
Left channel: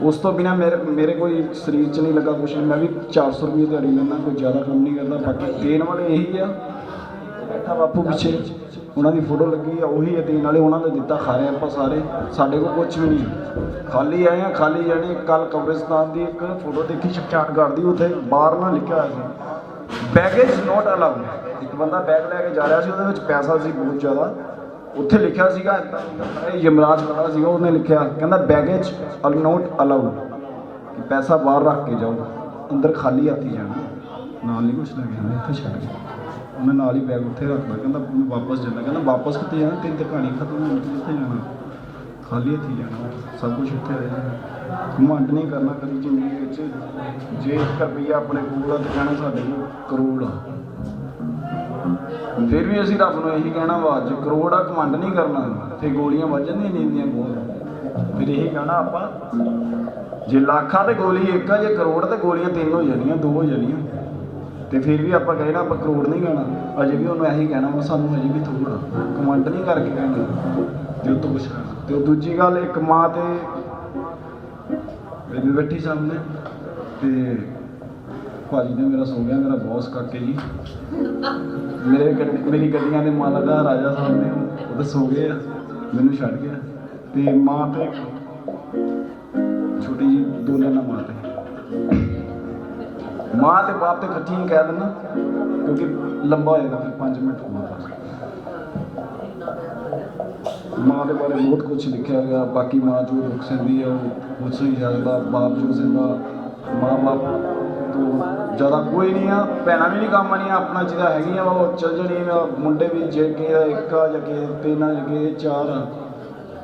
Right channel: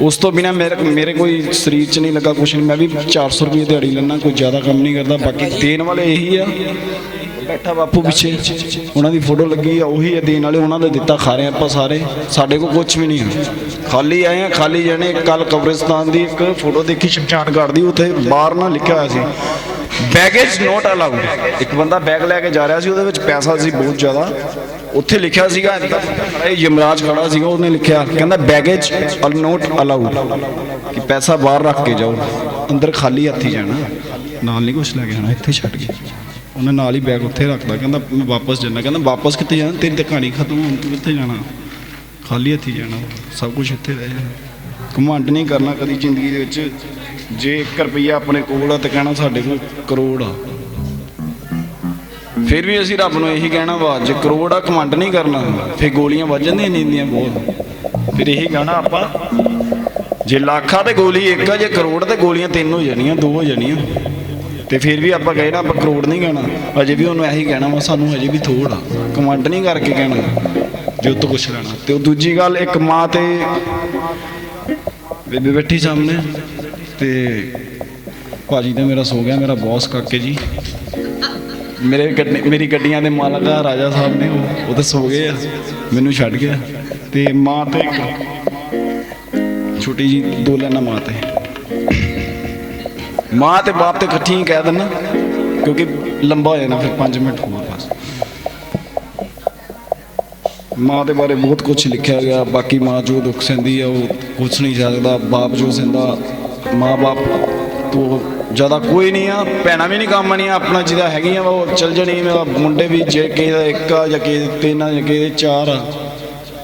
ਉਸ ਤੋਂ ਬਿਨਾ ਮੇਰੇ ਕੋਈ ਸਰੀਰ 'ਚ ਨਹੀਂ ਲੱਗਾ ਕੁਛ ਨਹੀਂ ਮੈਂ ਵੀ 400 ਰੁਪਏ ਦਿਹਾੜੀ ਲੈਣਾ ਕੋਈ ਜ਼ਿਆਦਾ ਕੰਮ ਨਹੀਂ ਕਰਦਾ ਬਾਕੀ ਦੇਣ ਵਾਲੇ ਇਹੀ ਆ ਬੈਠਾ ਬਾਪੂ ਪਿੱਛੇ ਉਹਨਾਂ ਦੀ ਫੋਟੋ ਲੱਗੀ ਆ, ਉਹੀ ਦੇਣ ਵਾਲੇ ਉਹਨਾਂ ਨੇ ਦਿੱਤਾ, ਖਾ ਰਹੇ ਆਪਾਂ ਸਾਰੇ, ਸਾਡੇ ਕੋਲ ਕੁਝ ਵੀ ਨਹੀਂ ਹੈ, ਖਾਲੀ ਆਏ ਆ ਖਾਲੀ ਜਾਣੇ। ਕੱਲ ਕਬਰਿਸਤਾਨ ਦੀ ਇੱਕ ਫੋਟੋ ਦੇਖੀ ਸ਼ਮਸ਼ਾਨ ਘਾਟ ਦੀ, ਉੱਥੇ ਬਾਹਰ ਨਾ ਲਿਖਿਆ ਹੋਇਆ ਸੀ ਬੈਗੇਜ ਨੋਟ ਅਲਾਊਡ। ਇੱਕ ਬੰਦਾ ਬੈਗ ਲੈ ਕੇ ਜਾ ਰਿਹਾ ਸੀ, ਉਹਦੇ ਵਿੱਚ ਪੈਸਾ ਸੀ ਬਹੁਤ ਜ਼ਿਆਦਾ, ਉੱਥੇ ਲਿਖਿਆ ਸੀਗਾ, ਇਹ ਯਮਰਾਜ ਖੜਾ ਸੀਗਾ, ਉਹਨੇ ਲਿਖਿਆ ਕਹਿੰਦਾ ਬੈਗੇਜ ਨੋਟ ਅਲਾਊਡ, ਕਿ ਪੈਸਾ ਬਾਹਰ ਰੱਖ ਕੇ ਜਾਓ, ਅੰਦਰ ਖਾਲੀ ਹੱਥੀ ਜਾਣਾ, ਨਾਲ ਨਹੀਂ ਕੁਛ ਲੈ ਕੇ ਜਾਣਾ, ਇੱਥੇ ਛੱਡ ਕੇ। ਉਹਨੇ ਨਾਲ ਹੀ ਬੈਗ ਉੱਥੇ ਰੱਖਦਾ, ਕਹਿੰਦਾ ਮੈਂ ਵਾਪਸ ਜਾਣਾ। ਕਹਿੰਦਾ ਵਾਪਸ ਕਿੱਥੇ ਜਾਣਾ, ਤੇਰੀ ਤਾਂ ਕਹਾਣੀ ਖਤਮ ਹੋਣ, ਤੂੰ ਕਿੱਥੇ ਜਾਣਾ, ਖਾਲੀ ਹੱਥੀ ਜਾਣਾ, ਸਭ ਕੁਛ ਇੱਥੇ ਦੇ। ਘਮੰਡ ਨਹੀਂ ਕਰਨਾ ਕਦੀ ਜ਼ਿੰਦਗੀ ਦੇ ਵਿੱਚ। ਜੇ 1 ਰੁਪਈਆ ਆਪਣੇ ਕੋਲ ਆ ਤਾਂ ਕਹਿਣਾ ਸਾਡੇ ਕੋਲ ਕਰੋੜ ਆ, ਫਿਰ ਵੀ ਅਸੀਂ ਰੱਬ ਨੂੰ ਇਹੀ ਕਹਿਣਾ ਵਾ ਜੇ ਕਰੋੜ ਆ, ਘਮੰਡ ਨਹੀਂ ਕਰਨਾ, ਫਿਰ ਗੋਲੀਆਂ ਵੱਜ ਜਾਂਦੀਆਂ ਨੀਂਦੀਆਂ ਬਹੁਤ। ਫਿਰ ਇਹੀ ਕਹਿਣਾ ਆਪਾਂ ਜੇ ਲੱਖ ਆ ਤੇ ਗੋਲੀ 1 ਆ, ਜੇ ਕਰੋੜ ਤੇ ਗੋਲੀਆਂ 3 ਹੋ ਜਾਣੀਆਂ, 2 ਹੋ ਜਾਣੀਆਂ। ਤੇ ਫਿਰ ਵੀ ਆਪਾਂ ਕਹਿਣਾ ਆਪਾਂ ਕਰੋੜ ਨਹੀਂ ਕਹਿਣਾ, ਅਜੇ ਵੀ ਉਹਨੂੰ ਇਹੀ ਕਹਿਣਾ ਵਾ ਸਾਨੂੰ ਅਜੇ ਵੀ ਥੋੜ ਆ, ਘਮੰਡ ਨਹੀਂ ਕਰਕੇ ਕਹਿਣਾ ਜੇ ਉਹ ਤੋਂ ਕੁਛ ਲੈਣਾ। ਤੇ ਉਹ ਦੂਜੀ ਗੱਲ, ਇੱਕ ਮਾਂ ਤੇ ਬੇਬੇ ਬੈਠੀ ਸਾਹਮਣੇ, ਤੇ ਭਾਜੀ ਤੇ ਮੇਰਾ ਸੋ ਗਿਆ, ਮੇਰਾ ਬੌਸ ਕਾਕੇ ਜੀ, ਮੇਰੀ ਗੱਡੀਆਂ ਦੇ ਮਾਲਕ ਆ ਰਾਜਾ ਸਾਹਿਬ ਨੇ, ਉਹ ਤਾਂ ਸੋ ਗਏ ਆ, ਮੈਨੂੰ ਛੱਡ ਗਿਆ। ਤੇ ਮਾਂ ਤੇ ਇੱਕ ਛੋਟੀ ਜੀ 2 ਲੈਣਾ ਮਾਂ ਤੇ, ਮਾਂ ਤੇ ਬਾਪ ਤੇ ਇਕੱਠੀ ਹੀ ਕਹਿ ਦੇਣਾ, ਕਿਉਂਕਿ ਲੰਬਾ ਹੋ ਜਾਣਾ ਫਿਰ 5 ਮਿੰਟ ਹੋਰ ਬਸ। ਮਾਂ ਦੇ ਬਾਰੇ ਬਹੁਤ ਕੁਝ ਲਿਖਿਆ ਗਿਆ, ਬਾਕੀ ਮਾਂ ਜੋ ਦੁੱਖ ਸਹਿੰਦੀ ਆ ਉਹ ਕੁਛ ਨਹੀਂ ਸਕਦਾ, ਬਾਪ ਜੋ ਸਹਿੰਦਾ, ਮਾਂ ਬਾਪ ਤੋਂ ਜ਼ਿਆਦਾ ਕੋਈ ਨਹੀਂ ਆ, ਭੈਣਾਂ ਵੀ ਨਹੀਂ ਕੰਮ ਆਣੀਆਂ, ਆਪਣਾ ਜਿਹਦਾ ਹੈਗੀਆਂ ਉਹ ਚੱਲ ਜਾਣੀ। ਮੁੰਡੇ ਵੀ ਜੇ ਕਿਸੇ ਦਾ 1 ਆ ਜਾਂ ਕਿਸੇ 3 ਆ ਜਾਂ ਕਿਸੇ 4 ਆ,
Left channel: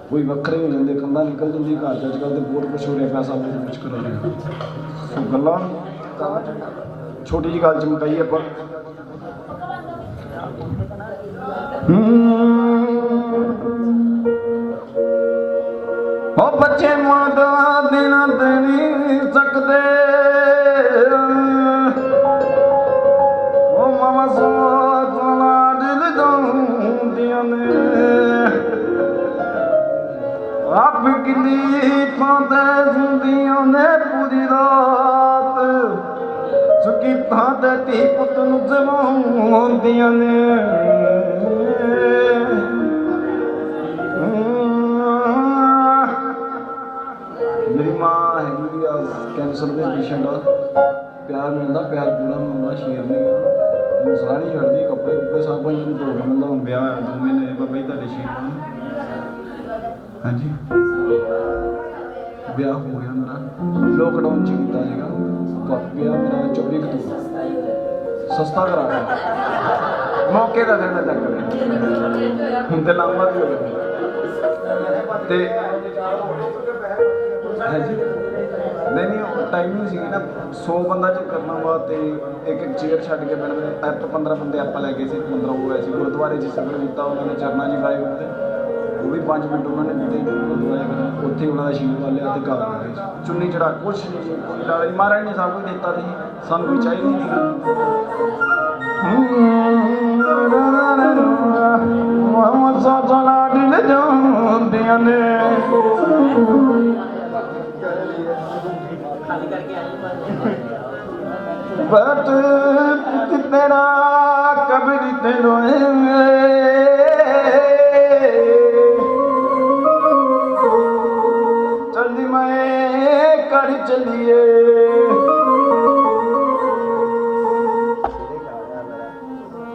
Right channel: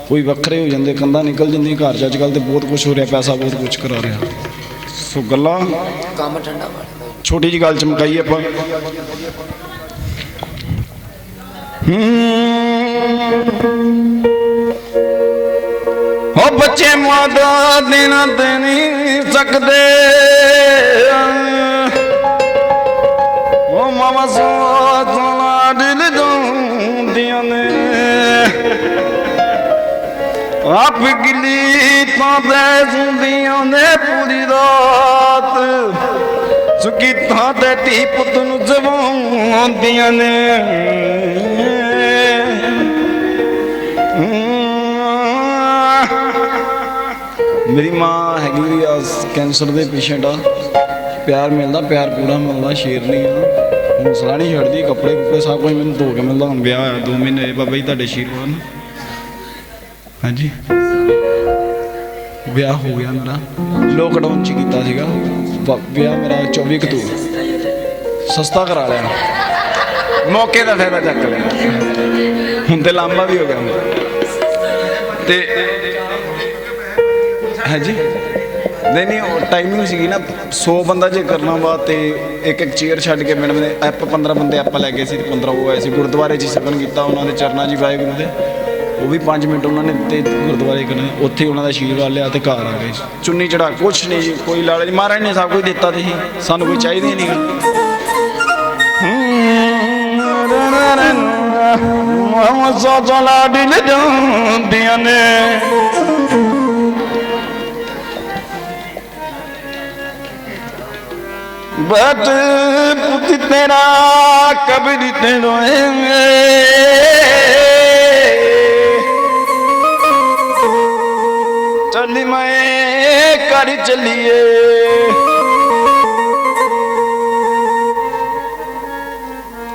ਕੋਈ ਵੱਖਰੇ ਹੋ ਜਾਂਦੇ, ਕੰਧਾਂ ਨਿਕਲ ਜਾਂਦੀਆਂ ਘਰ 'ਚ। ਅੱਜ ਕੱਲ੍ਹ ਤੇ ਬਹੁਤ ਕੁਛ ਹੋ ਰਿਹਾ, ਪੈਸਾ ਬਹੁਤ ਕੁਛ ਕਰਾ ਰਿਹਾ। ਸੋ ਗੱਲਾਂ ਕੰਮ ਠੰਡਾ ਛੋਟੀ ਜਿਹੀ ਗੱਲ 'ਚ ਮੁਕਾਈਏ ਆਪਾਂ। ਹੋ ਬੱਚੇ ਮਾਂ ਦਾ ਦੇਣਾ ਤੇ ਨਹੀਂ ਸਕਦੇ, ਉਹ ਮਾਮਾ ਸੋਚਣਾ ਦਿਲ ਦੁੰਦੀਆਂ ਨੇ, ਆਪ ਗਿੱਲੀ ਤਾਂ ਦੇ ਸੁੰਦੀਆਂ ਨੇ ਪੂਰੀ ਰਾਤ, ਸੁੱਕੀ ਥਾਂ ਤੇ ਧੀ ਪੁੱਤ ਨੂੰ ਜਵਾਉਂਦੀਆਂ ਨੇ। ਮੇਰੀ ਮਾਂ ਹੈਗੀ ਆ ਕੈਂਸਰ ਦੇ ਪੇਸ਼ੈਂਟ ਆ, ਪਿਆਰ ਮਿਲਦਾ, ਪਿਆਰ ਪੂਰਾ ਮਿਲਦਾ, ਸ਼ੇਰ ਨਹੀਂ ਆ, ਹੌਸਲਾ ਨਹੀਂ ਛੱਡਦੀ, ਕੱਪੜੇ ਕੁੱਪੜੇ ਸਭ ਕੁਝ ਮੈਨੂੰ ਧੋ ਕੇ ਮਿਲਦਾ। ਹੁਣ ਵਿਆਹ ਹੋਇਆ 2 ਮਹੀਨੇ ਬਾਬਾ ਜੀ ਤੁਹਾਡੇ ਆਸ਼ੀਰਵਾਦ। ਹਾਂਜੀ ਵਿਆਹ ਹੋ ਗਿਆ ਮੇਰਾ, ਲੋਕਡਾਊਨ 'ਚ ਕੀਤਾ ਸੀਗਾ ਵਿਆਹ ਮੇਰਾ 24 ਅਕਤੂਬਰ, ਸਸਤਾ ਕਰਾ ਲਿਆ, ਮੌਕੇ ਦਾ ਫਾਇਦਾ ਚੱਕ ਲਿਆ, ਹੁਣ ਤੇ ਲਾਂਬਾ ਵੀ ਹੋ ਗਿਆ ਤੇ ਹਾਂਜੀ ਨਹੀਂ ਟਾਈਮਿੰਗ ਸੀਗੀ ਨਾ 100 ਬੰਦਾ ਜੇ ਕਰਨਾ ਵਾ ਤੇ ਇੱਕ ਚੇਅਰ ਛੱਡ ਕੇ ਮੈਡਮ ਨੇ 15 ਬੰਦੇ ਆਪਾਂ ਲੈ ਗਏ ਸੀ ਤੇ 15 ਉਹ ਆਏ ਸੀ। ਗੁਰਦੁਆਰੇ 'ਚ ਸਗਨ ਕੀਤਾ ਉਹਨਾਂ ਦੇ ਚਰਨਾਂ 'ਚ ਵਾਹਿਗੁਰੂ ਦੇ, ਉਹ ਵੀ 5 ਮਿੰਟ ਉਹਨਾਂ ਨੇ ਦਿੱਤੇ ਗੁਰਦੁਆਰੇ ਕਰਨੇ, ਉੱਥੇ ਉਹਨਾਂ ਦਾ ਆਸ਼ੀਰਵਾਦ ਲਿਆ ਤੇ ਘਰ ਆ ਗਏ। ਚੁੰਨੀ ਚੜਾ ਕੁਛ ਨਹੀਂ, ਕੋਈ ਲਾਲਚ ਨਹੀਂ, ਮਹਾਰਾਜ ਨੇ ਸਭ ਕੁਝ ਦਿੱਤਾ ਤੇ ਸਾਨੂੰ ਕੋਈ ਚਾਹੀਦਾ ਹੀ ਨਹੀਂ। ਜਾਂਦੀਆਂ ਨੇ ਬਟ ਪੁੱਤ ਤੇਰਾ ਕਬਰ ਤੈਨੂੰ ਚੱਲੀ ਮੈਂ ਕਰ ਚੱਲੀਏ,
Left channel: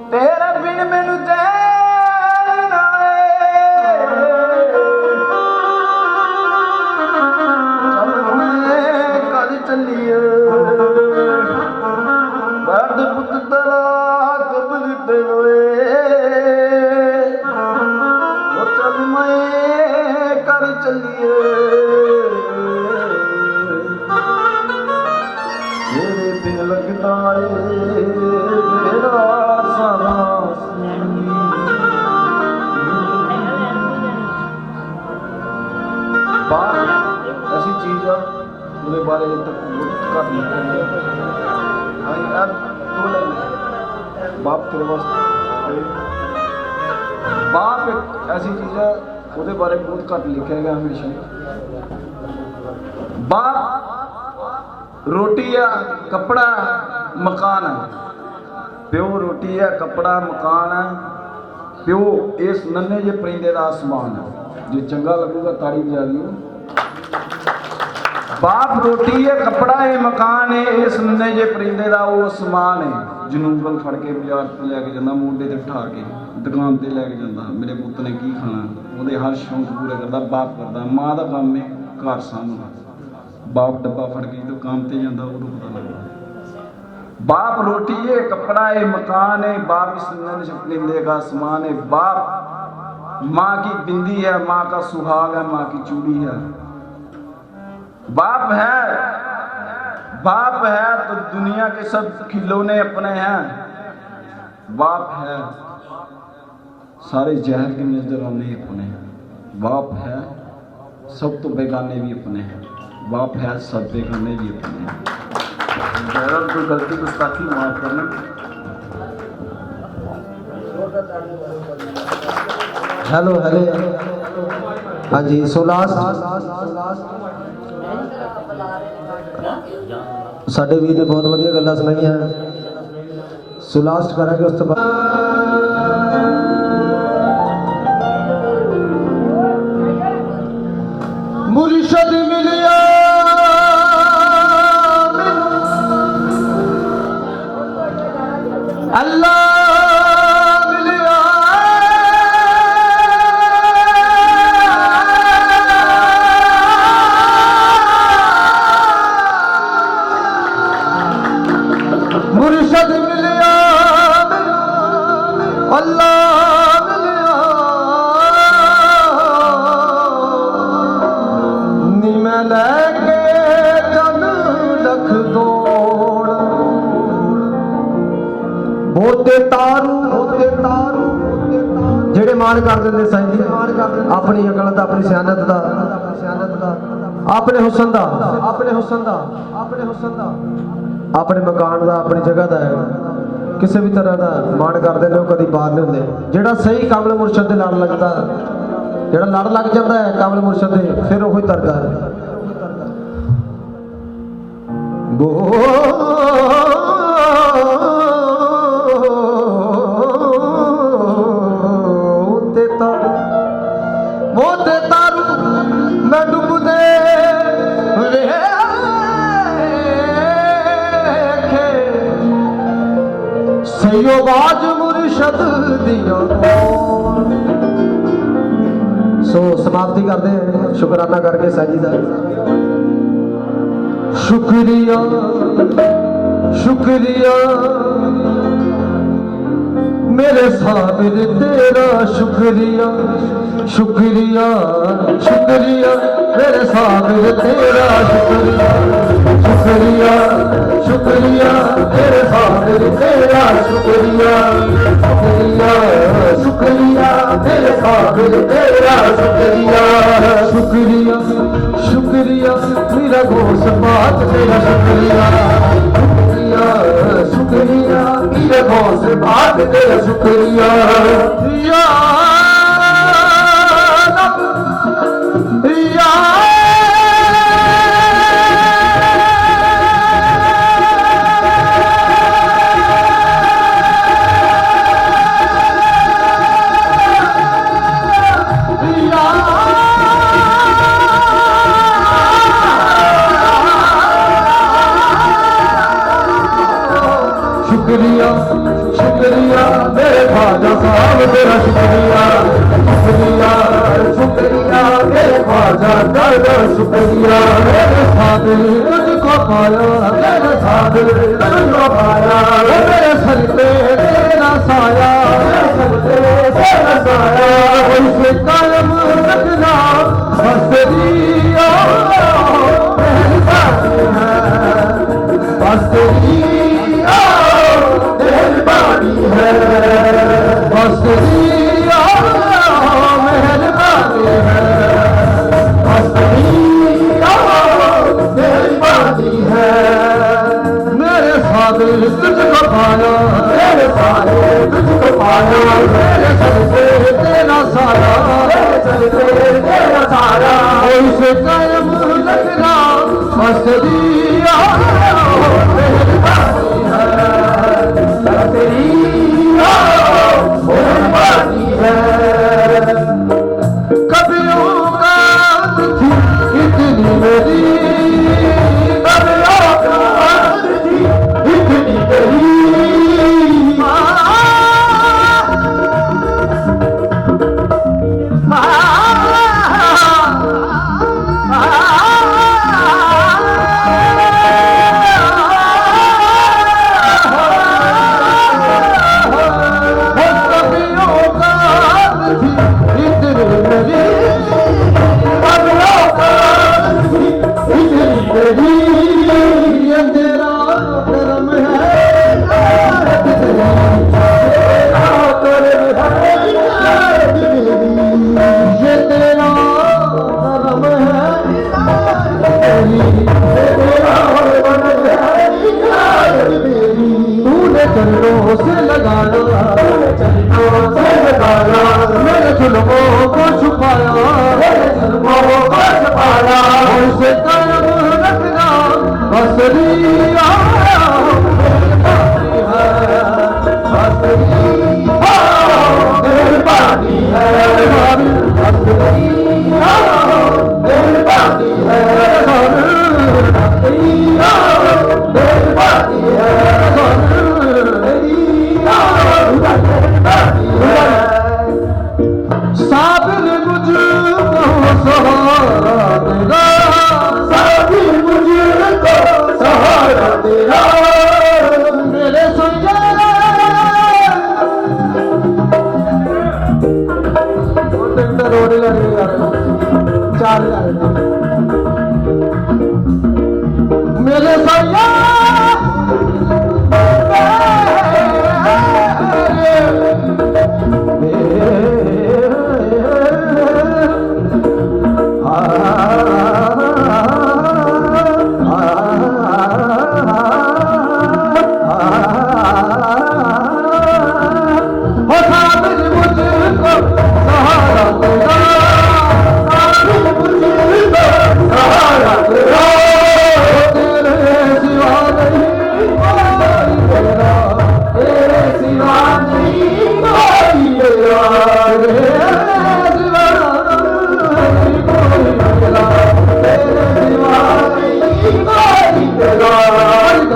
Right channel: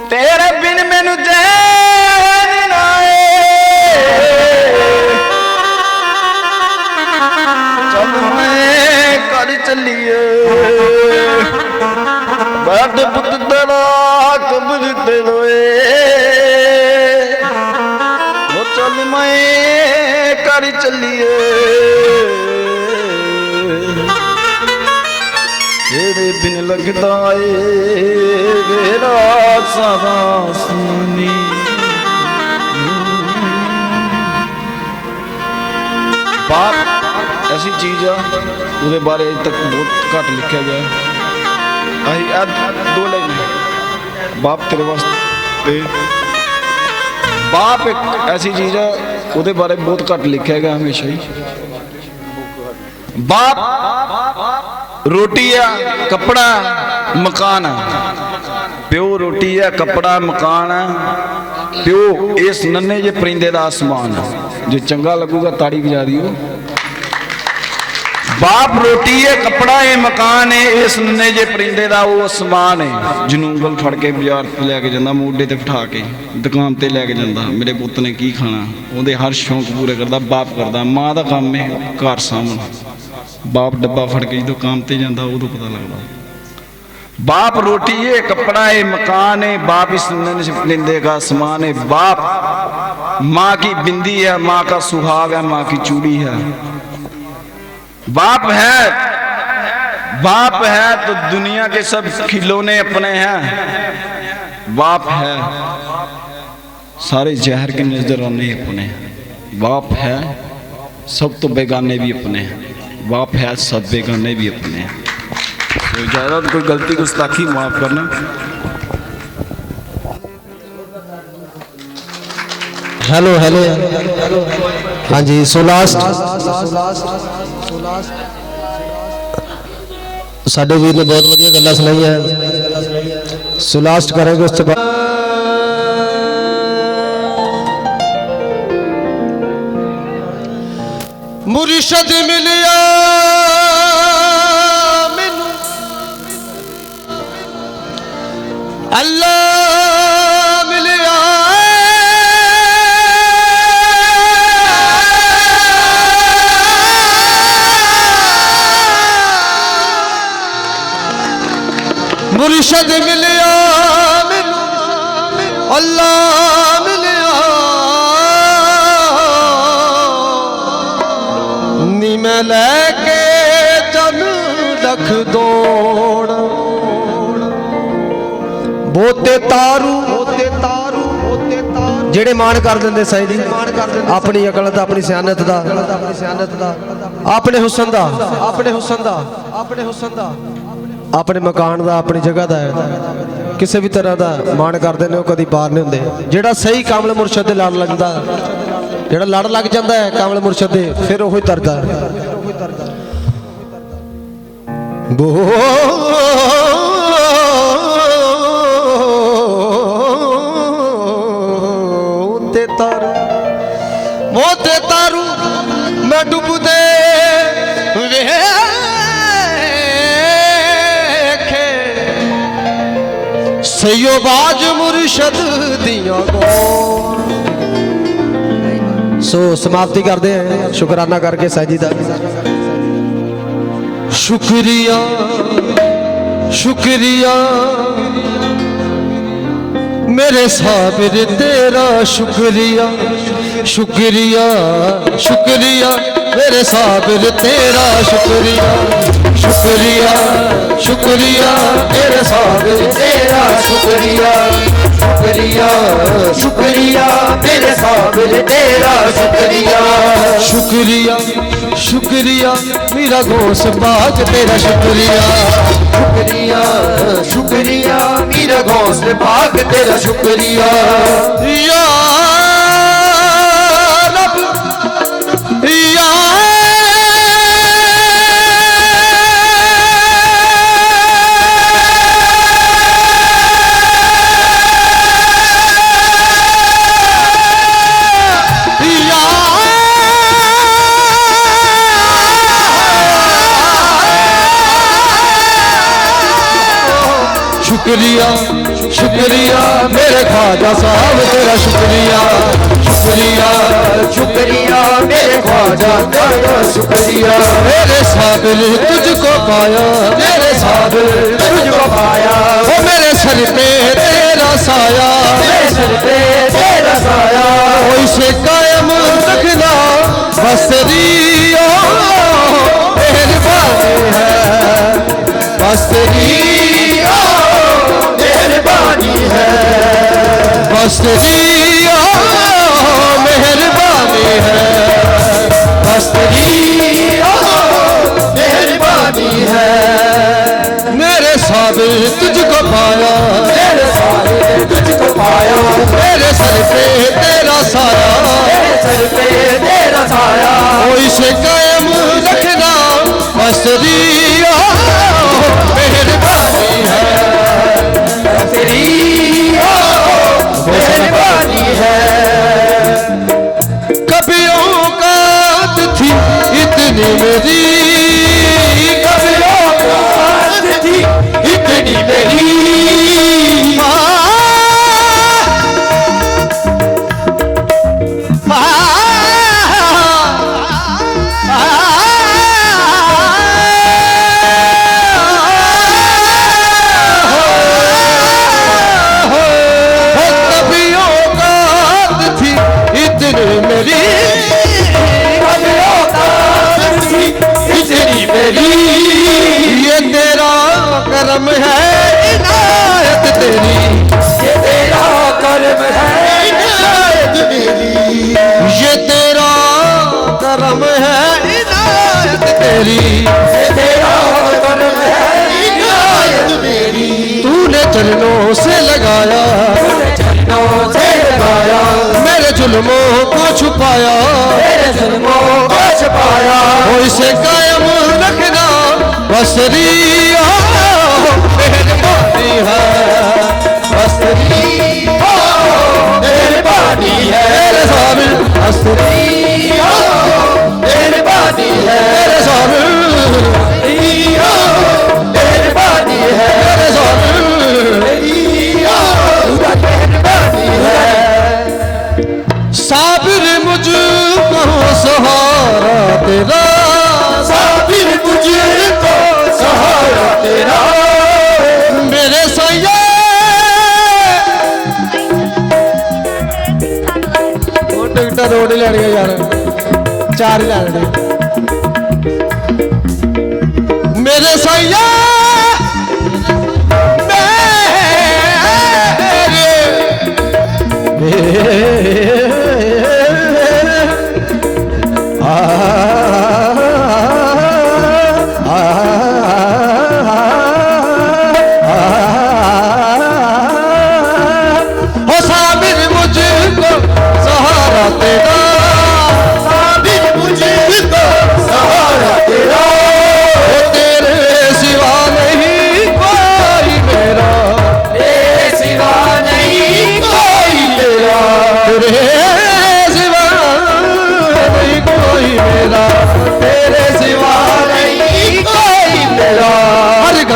ਤੇਰੇ ਬਿਨ ਮੈਨੂੰ ਚੈਨ ਨਾ ਚੱਲ ਮੈਂ ਕਰ ਚੱਲੀਏ, ਬਟ ਪੁੱਤ ਤੇਰਾ ਕਬਰ ਤੈਨੂੰ ਉਹ ਚੱਲ ਮੈਂ ਕਰ ਚੱਲੀਏ, ਤੇਰੇ ਬਿਨ ਲੱਗਦਾ ਏ ਮੇਰਾ ਸਾਰਾ ਸੁਣੀ। ਬਾਪ ਐਸੀ ਚੀਜ਼ ਆ ਉਹਦੇ ਬਾਰੇ ਤੱਕ ਬਹੁਤ ਘੱਟ ਲਿਖਿਆ ਗਿਆ। ਅਸੀਂ ਅੱਜ 2 ਲਾਈਨ ਬਾਪ ਤੇਰੇ ਵਾਸਤੇ, ਬਾਪ ਇੱਕ ਐਸੀ ਚੀਜ਼ ਆ ਉਹਦੇ ਬਾਰੇ ਬਹੁਤ ਘੱਟ ਲਿਖਿਆ ਗਿਆ ਹਮੇਸ਼ਾ ਹੀ। ਬਾਪ ਰੋਟੀ ਆ, ਕੱਪੜਾ, ਮਕਾਨ ਆ, ਪਿਓ ਰੋਟੀ रोटी है, कपड़ा मकान है, प्यो इस नन्हे जे परिंदे दा आसमान है। जो चंगा लगूगा ताड़ी बजा दियो। बाप रोटी है, कपड़ा है, मकान है, इस नन्हे जे परिंदे दा वो आसमान है। जनूंगल फड़ के बाजार ते लैके जांदा, मोढे ते बिठा के दुकान ते लैके जांदा, मेरे पुत्त ने की खाना, ਉਹਦੇ हर शौक पूरे करदा। बाप करदा, मां दा काम है घर सामना। बाप डब्बा फड़ के जो काम ते जांदा उदों पता लगदा। बाप रोटी है, कपड़ा है, मकान है, बाप इस नन्हे से परिंदे का आसमान है। बाप माँ की बिंदी है, माँ का सुहाग है, माँ की चूड़ी है। बाप है तो दुनिया के सब खिलौने अपने हैं। बाप है सारे जहर के नजराने अपने हैं। बाप है सब तो बेगाने भी अपने हैं। बाप है सब बेगाने भी अपने हैं। तो ज़्यादा कोई गलती गुस्ताखी माफ करना। हेलो हेलो हाँ जी, सो लास्ट साडे जी ने बहुत वधिया गल्लां सुनाइयां। सो लास्ट करेंगे उस बाद मुर्शद मिलिया अल्लाह मिलिया, मुर्शद मिलिया अल्लाह मिलिया, नी मैं लैके जग रख दौड़ बोते तारू ਜਿਹੜੇ ਮਾਣ ਕਰ ਦਿੰਦੇ ਸਾਈਂ ਦੀ ਆਪਣੀ ਅਕਲ ਦਾ, ਆਪਣੀ ਸਿਆਣਤ ਦਾ, ਆਪਣੇ ਹੁਸਨ ਦਾ, ਆਪਣੇ ਮਕਾਨ ਦਾ, ਆਪਣੀ ਜਗ੍ਹਾ ਦਾ, ਕਿਸੇ ਵੀ ਤਰ੍ਹਾਂ ਦਾ ਮਾਣ ਕਰਦੇ ਨੇ ਉਹ ਕਦੀ ਪਾਰ ਨਹੀਂ ਹੁੰਦੇ। ਜਿਹੜਾ ਸਹੀ ਕਾਮਲ ਮੁਰਸ਼ਦ ਦੇ ਲੜ ਲੱਗਦਾ, ਜਿਹੜਾ ਲੜ ਲੱਗ ਜਾਂਦਾ ਹੈ ਕਾਮਲ ਮੁਰਸ਼ਦ ਦੇ, ਫਿਰ ਉਹ ਹੀ ਤਰਦਾ मोते तारू मैं डुबदे वेखे सयो बाज मुर्शद दिया। सो समाप्ति करते हैं शुकराना करके साजी दा। शुक्रिया शुक्रिया मेरे साबिर तेरा, शुक्रिया शुक्रिया शुक्रिया मेरे साबिर तेरा, शुक्रिया शुक्रिया शुक्रिया मेरे साबिर तेरा, शुक्रिया शुक्रिया शुक्रिया मेरे साबिर तेरा, शुक्रिया शुक्रिया शुक्रिया मेरा गौस पाक तेरा, शुक्रिया शुक्रिया शुक्रिया मेरा गौस पाक तेरा, शुक्रिया या शुक्रिया मेरे साबिर तुझको पाया, मेरे साबिर तुझको पाया, वो मेरे सर पे तेरा साया, मेरे सर पे तेरा साया, कोई से कायम रखना बस तेरी मेहरबानी है, बस तेरी मेहरबानी है, बस तेरी मेहरबानी है, बस तेरी मेहरबानी है। मेरे साबिर तुझको पाया, मेरे साबिर तुझको पाया, मेरे सर पे तेरा साया, मेरे सर पे तेरा साया, कोई से कायम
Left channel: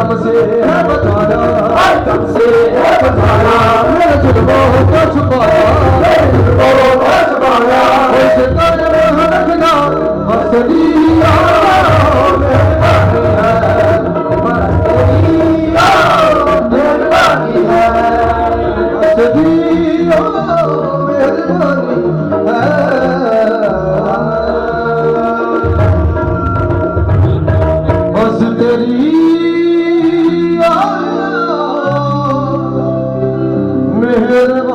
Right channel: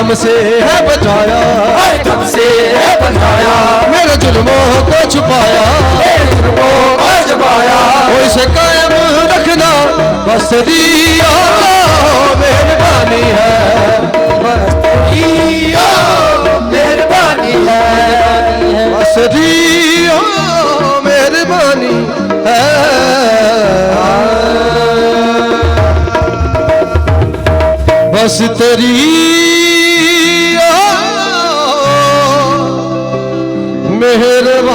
गम से है बचाया, हर गम से है बचाया, मेरे जुल्मों को छुपाया, तेरे जुल्मों को छुपाया, उसे कायम रखना बस दिया मेहरबानी है, बस तेरी मेहरबानी है, बस दिया मेहरबानी है, बस तेरी मेहरबानी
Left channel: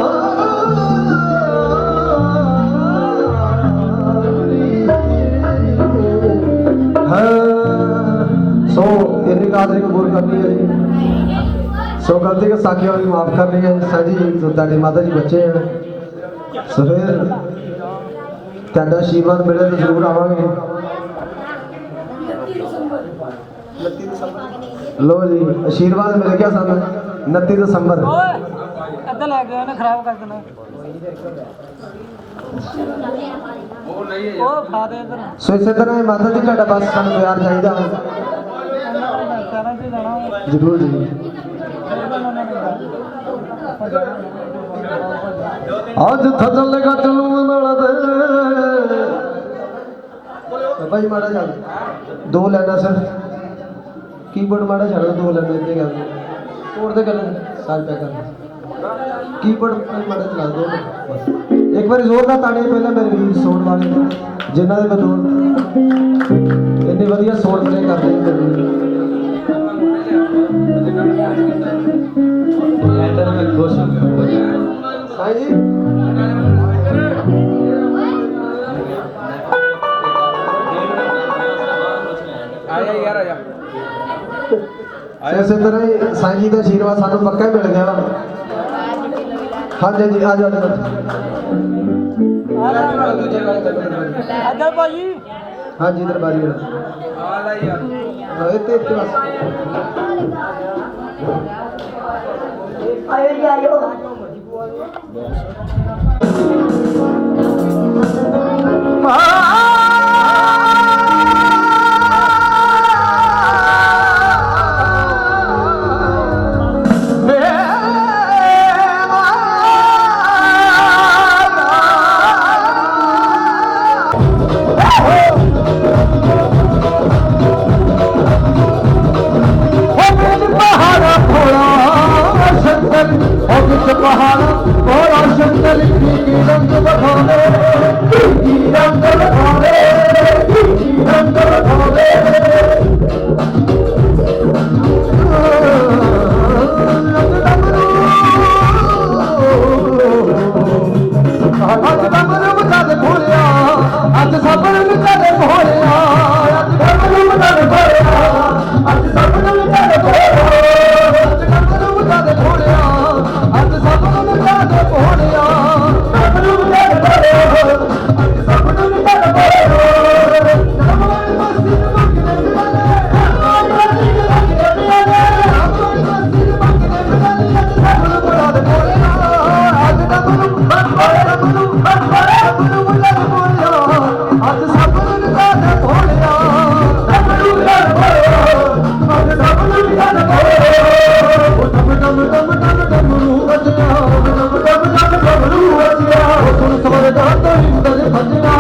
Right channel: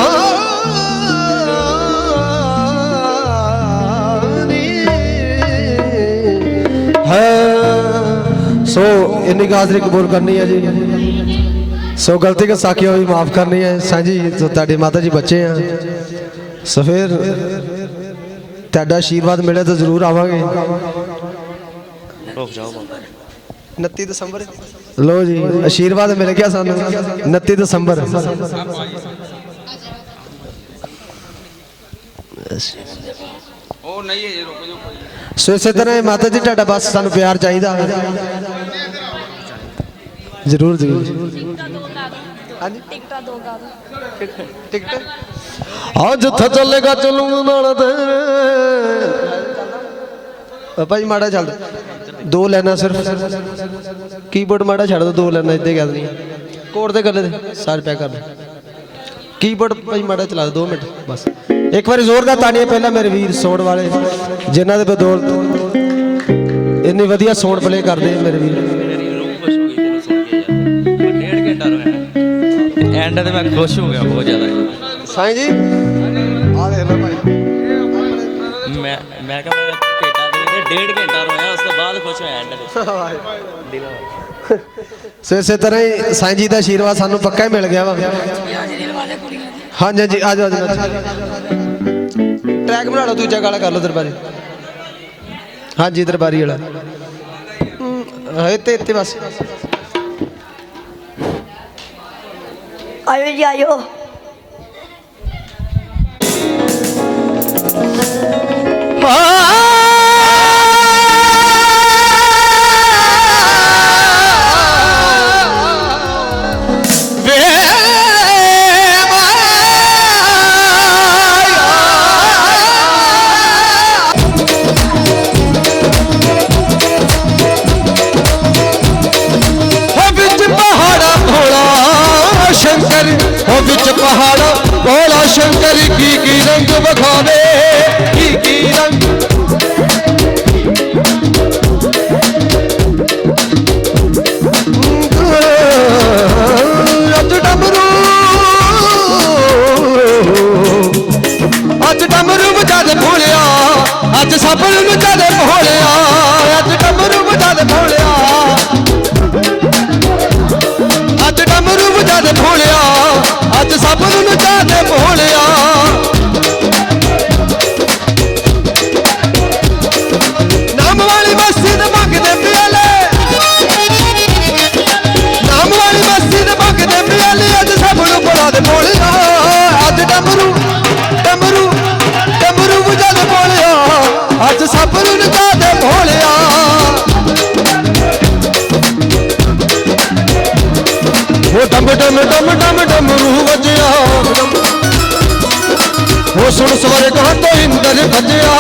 है। सो इन्नी हाज़री कबूल करनी है जी, सो गलती के साखियों भी माफ़ करनी है। साजी तो ताड़ी माता जी बच्चे हैं, सो फिर ਤੁਹਾਡਾ ਆਸ਼ੀਰਵਾਦ ਮਿਲੇ ਤਾਂ ਜ਼ਰੂਰ ਆਵਾਂਗੇ। 29 ਦਸੰਬਰ ਲੋ ਜੀ, ਆਸ਼ੀਰਵਾਦ ਮਿਲ ਗਿਆ ਸਾਨੂੰ 29 ਦਸੰਬਰ। ਸੋ ਇਸੇ ਤਰ੍ਹਾਂ ਮਾਤਾ ਜੀ ਤੁਹਾਡਾ ਬਸ ਸਾਨੂੰ ਪਿਆਰ ਚਾਹੀਦਾ ਜ਼ਰੂਰ ਜ਼ਰੂਰ। ਅੱਜ ਜਿੱਥੇ ਚੱਲੇਗਾ ਚੱਲੂ ਨਾਲ ਤੇ ਪਾਪਾ ਜੀ ਮਾੜਾ ਚੱਲ ਦੋ ਲੈਣਾ ਸਿਰਫ ਕੀਬੋਰਡ ਮਾੜਾ ਛੱਡ ਦੋ, ਦੋ ਲੈਣਾ ਇੱਥੇ ਗੱਲ ਨਹੀਂ ਕੋਡ ਤੇ ਗੱਲੇ ਸਾਰੇ ਪੈਕ ਕਰ ਕੀਬੋਰਡ ਭਾਈ ਮਾੜਾ ਚਲਾ ਦੋ 2 ਮਿੰਟ ਬਸ। ਇੱਕ ਵਾਰੀ ਜ਼ੋਰਦਾਰ ਤਾੜੀਆਂ ਪਹਿਲਾਂ ਮੇਰੇ ਵੀਰ ਸੌਣ ਵਾਲੇ ਜਿਨ੍ਹਾਂ ਦੇ ਬਦੌਲਤ ਇੰਨੀ ਵਧੀਆ ਸੌਣ ਪਲੇ ਕਰਦੇ ਮੇਰੇ ਵੀਰ। एंड में मैं खुश हो गया बहुत ज़्यादा। ਸਾਈਂ ਜੀ ਆ ਦੇਖ ਲਓ ਭਾਈ मैं कहा 1.5 घंटा रोया, उसके बाद खुश होया एंड। ਇਸੇ ਤਰ੍ਹਾਂ ਹੀ ਸਾਈਂ ਜੀ ਦਾ ਆਸ਼ੀਰਵਾਦ ਸਾਨੂੰ ਪੱਕਾ ਹੀ ਮਿਲ ਗਿਆ ਵਾ। ਹਾਂਜੀ ਹਾਂਜੀ ਆ ਜਾਓ ਟੈਗ ਬਣਾ ਲਓ, ਦੂਜਾ ਗਾਲਾ ਕਰ ਲਓ ਦਰਬਾਰੀ। ਹਾਂਜੀ ਦਰਬਾਰੀ ਵਾਲਾ ਇੱਥੇ ਇੱਥੇ ਬਸ। ਆਇਓ ਜੀ ਆਇਓ। ਵਿੱਚ ਪਹਾੜਾ ਭੋਲਾ ਸ਼ੰਕਰ ਕੀ ਰੰਗ ਵਿਖਾਵੇ, ਕੀ ਰੰਗ ਵਿਖਾਵੇ, ਅੱਜ ਡਮਰੂ ਵਜਾ ਦੇ ਭੋਲਿਆ, ਅੱਜ ਸਭ ਨੂੰ ਵਜਾ ਦੇ ਭੋਲਿਆ, ਅੱਜ ਡਮਰੂ ਵਜਾ ਦੇ ਭੋਲਿਆ, ਅੱਜ ਡਮਰੂ ਵਜਾ ਦੇ ਭੋਲਿਆ, ਅੱਜ ਸਭ ਨੂੰ ਨਚਾ ਦੇ ਭੋਲਿਆ। ਨਾਮ ਵਾਲੀ ਮਸਤੀ ਦੇ ਮੰਗਦੇ ਪਿਆਲੇ, ਨਾਮ ਵਾਲੀ ਮਸਤੀ ਦੇ ਮੰਗਦੇ ਪਿਆਲੇ, ਅੱਜ ਸਭ ਨੂੰ ਬੜਾ ਦੇ ਭੋਲਿਆ, ਅੱਜ ਡਮਰੂ ਡਮਰੂ ਡਮਰੂ ਵਜਾ ਦੇ ਭੋਲਿਆ, ਅੱਜ ਸਭ ਨੂੰ ਨਚਾ ਦੇ ਭੋਲਿਆ। ਉਹ ਡਮ ਡਮ ਡਮ ਡਮ ਡਮਰੂ ਵਜਿਆ, ਉਹ ਸੁਣ ਸਵਰਗਾਂ ਤੋਂ ਇੰਦਰ ਭਜਿਆ,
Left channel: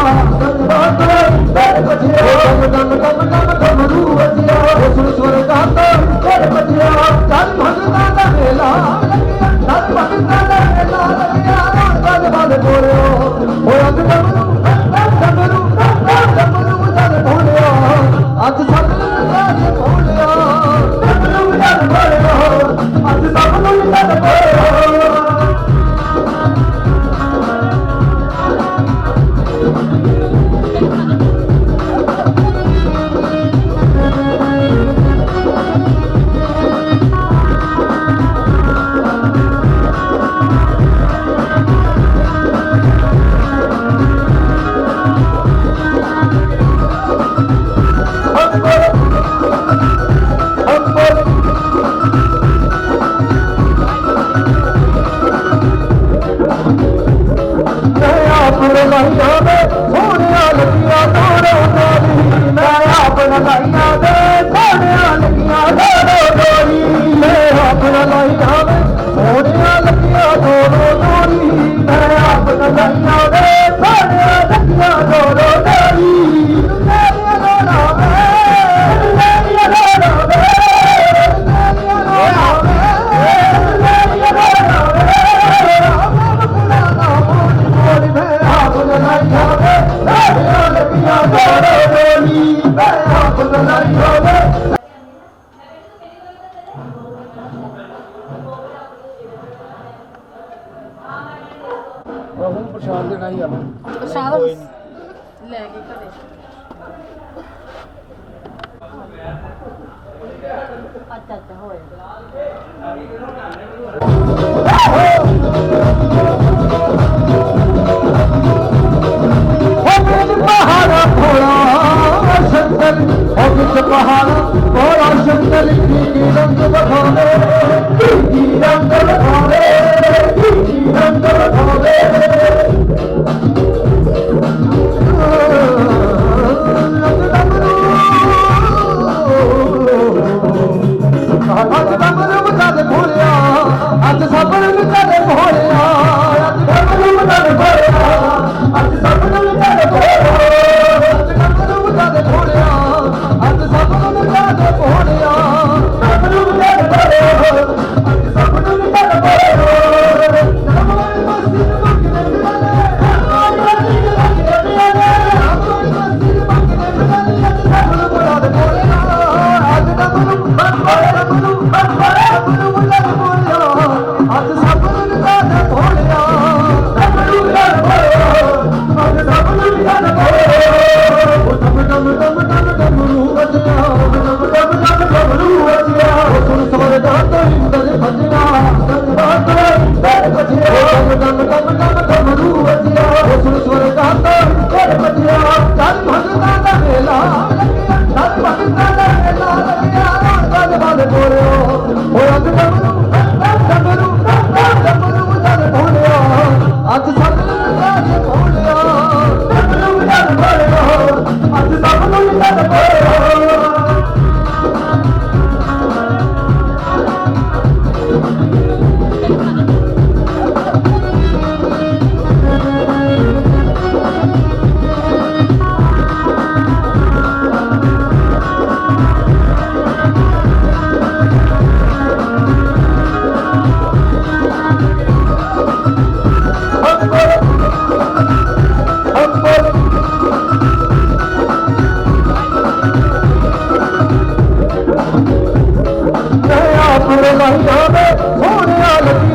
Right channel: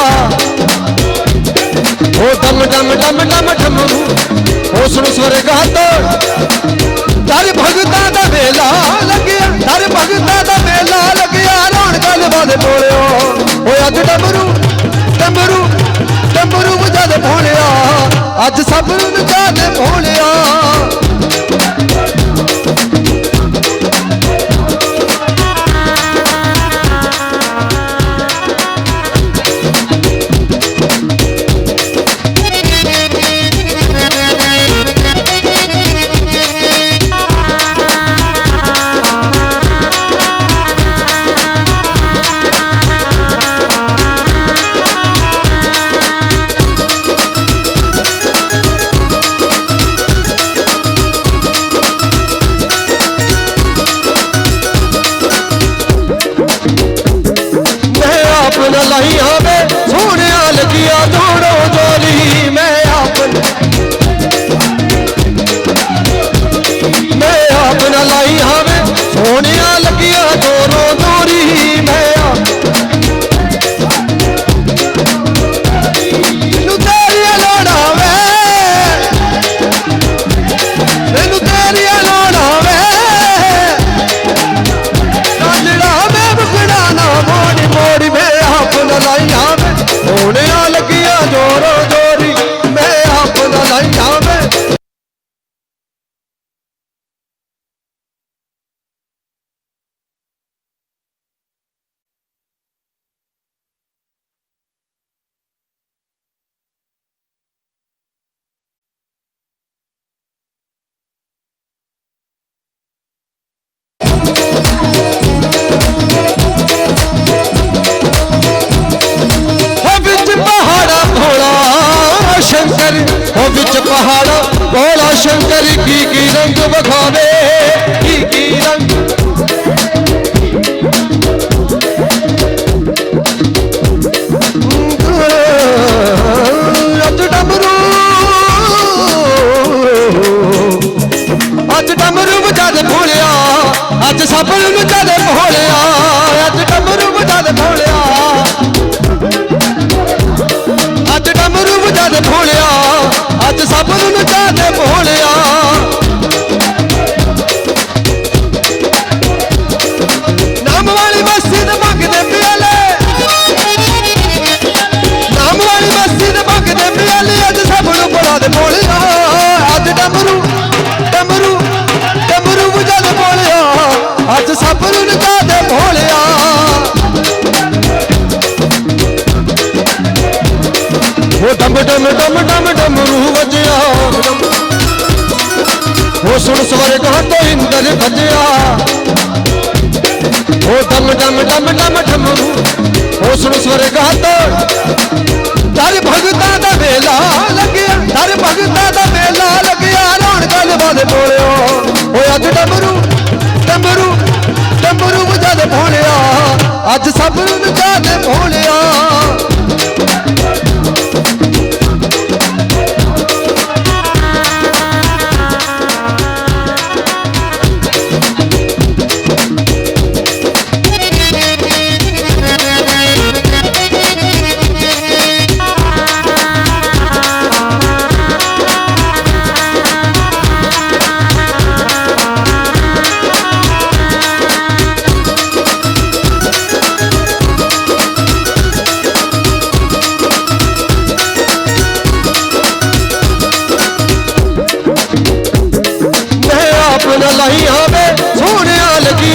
ਉਹ ਡਮ ਡਮ ਡਮ ਡਮ ਡਮਰੂ, ਉਹ ਸੁਣ ਸਵਰਗਾਂ ਤੋਂ ਦਰ ਭਗਤਾਂ ਦਾ ਵੇਲਾ ਲੱਗਿਆ, ਦਰ ਭਗਤਾਂ ਦਾ ਵੇਲਾ ਲੱਗਿਆ, ਰੌਣਕਾਂ ਦੇ ਬਾਦੇ ਬੋਲਿਓ, ਉਹ ਅੱਜ ਡਮਰੂ ਡਮਰੂ ਡਮਰੂ ਵਜਾ ਦੇ ਭੋਲਿਆ, ਅੱਜ ਸਭ ਨੂੰ ਨਚਾ ਦੇ ਭੋਲਿਆ। ਆਪਨ ਲਾਈਆਂ ਵੇ ਸੋਹਣਿਆ ਲੱਗਿਆ ਜੋੜੋ ਜੋੜੀ, ਮੈਂ ਆਪਨ ਲਾਈਆਂ ਵੇ ਸੋਹਣਿਆ ਲੱਗਿਆ ਜੋੜੋ ਜੋੜੀ, ਪ੍ਰਸ਼ਾਦ ਲੈ ਕੇ ਘਰੇ ਅੱਛਾ ਅੱਛਾ ਹੋਏ ਹੋ ਵਿੱਚ ਪਹਾੜਾ ਭੋਲਾ ਸ਼ੰਕਰ, ਹੋ ਵਿੱਚ ਪਹਾੜਾ ਭੋਲਾ ਸ਼ੰਕਰ ਕੀ ਰੰਗ ਵਿਖਾਵੇ, ਕੀ ਰੰਗ ਅੱਜ ਡਮਰੂ ਵਜਾ ਦੇ ਭੋਲਿਆ, ਅੱਜ ਸਭ ਨੂੰ ਵਜਾ ਦੇ ਭੋਲਿਆ, ਅੱਜ ਡਮਰੂ ਵਜਾ ਦੇ ਭੋਲਿਆ, ਅੱਜ ਡਮਰੂ ਵਜਾ ਦੇ ਭੋਲਿਆ, ਅੱਜ ਸਭ ਨੂੰ ਵਜਾ ਦੇ ਭੋਲਿਆ। ਨਾਮ ਵਾਲੀ ਬਸਤੀ ਦੇ ਮੰਗਦੇ ਪਿਆਲੇ, ਨਾਮ ਵਾਲੀ ਬਸਤੀ ਦੇ ਮੰਗਦੇ ਪਿਆਲੇ, ਅੱਜ ਸਭ ਨੂੰ ਬੁਲਾ ਦੇ ਭੋਲਿਆ, ਅੱਜ ਡਮਰੂ ਡਮਰੂ ਡਮਰੂ ਵਜਾ ਦੇ ਭੋਲਿਆ, ਅੱਜ ਸਭ ਨੂੰ ਵਜਾ ਦੇ ਭੋਲਿਆ। ਉਹ ਡਮ ਡਮ ਡਮ ਡਮ ਡਮਰੂ ਵਜਿਆ, ਉਹ ਸੁਣ ਸਵਰਗ ਤੋਂ ਇੰਦਰ ਭਜਿਆ, ਉਹ ਡਮ ਡਮ ਡਮ ਡਮ ਡਮਰੂ, ਉਹ ਸੁਣ ਸਵਰਗ ਤੋਂ ਦਰ ਭਗਤਾਂ ਦਾ ਵੇਲਾ ਲੱਗਿਆ, ਦਰ ਭਗਤਾਂ ਦਾ ਵੇਲਾ ਲੱਗਿਆ, ਰੌਣਕਾਂ ਦੇ ਬਾਦ ਬੋਲਿਓ, ਉਹ ਅੱਜ ਡਮਰੂ ਡਮਰੂ ਡਮਰੂ ਵਜਾ ਦੇ ਭੋਲਿਆ, ਅੱਜ ਸਭ ਨੂੰ ਵਜਾ ਦੇ ਭੋਲਿਆ। ਆਪਣੇ ਲਾਈਆਂ ਵੇ ਸੋਹਣਿਆ ਲੱਗੀ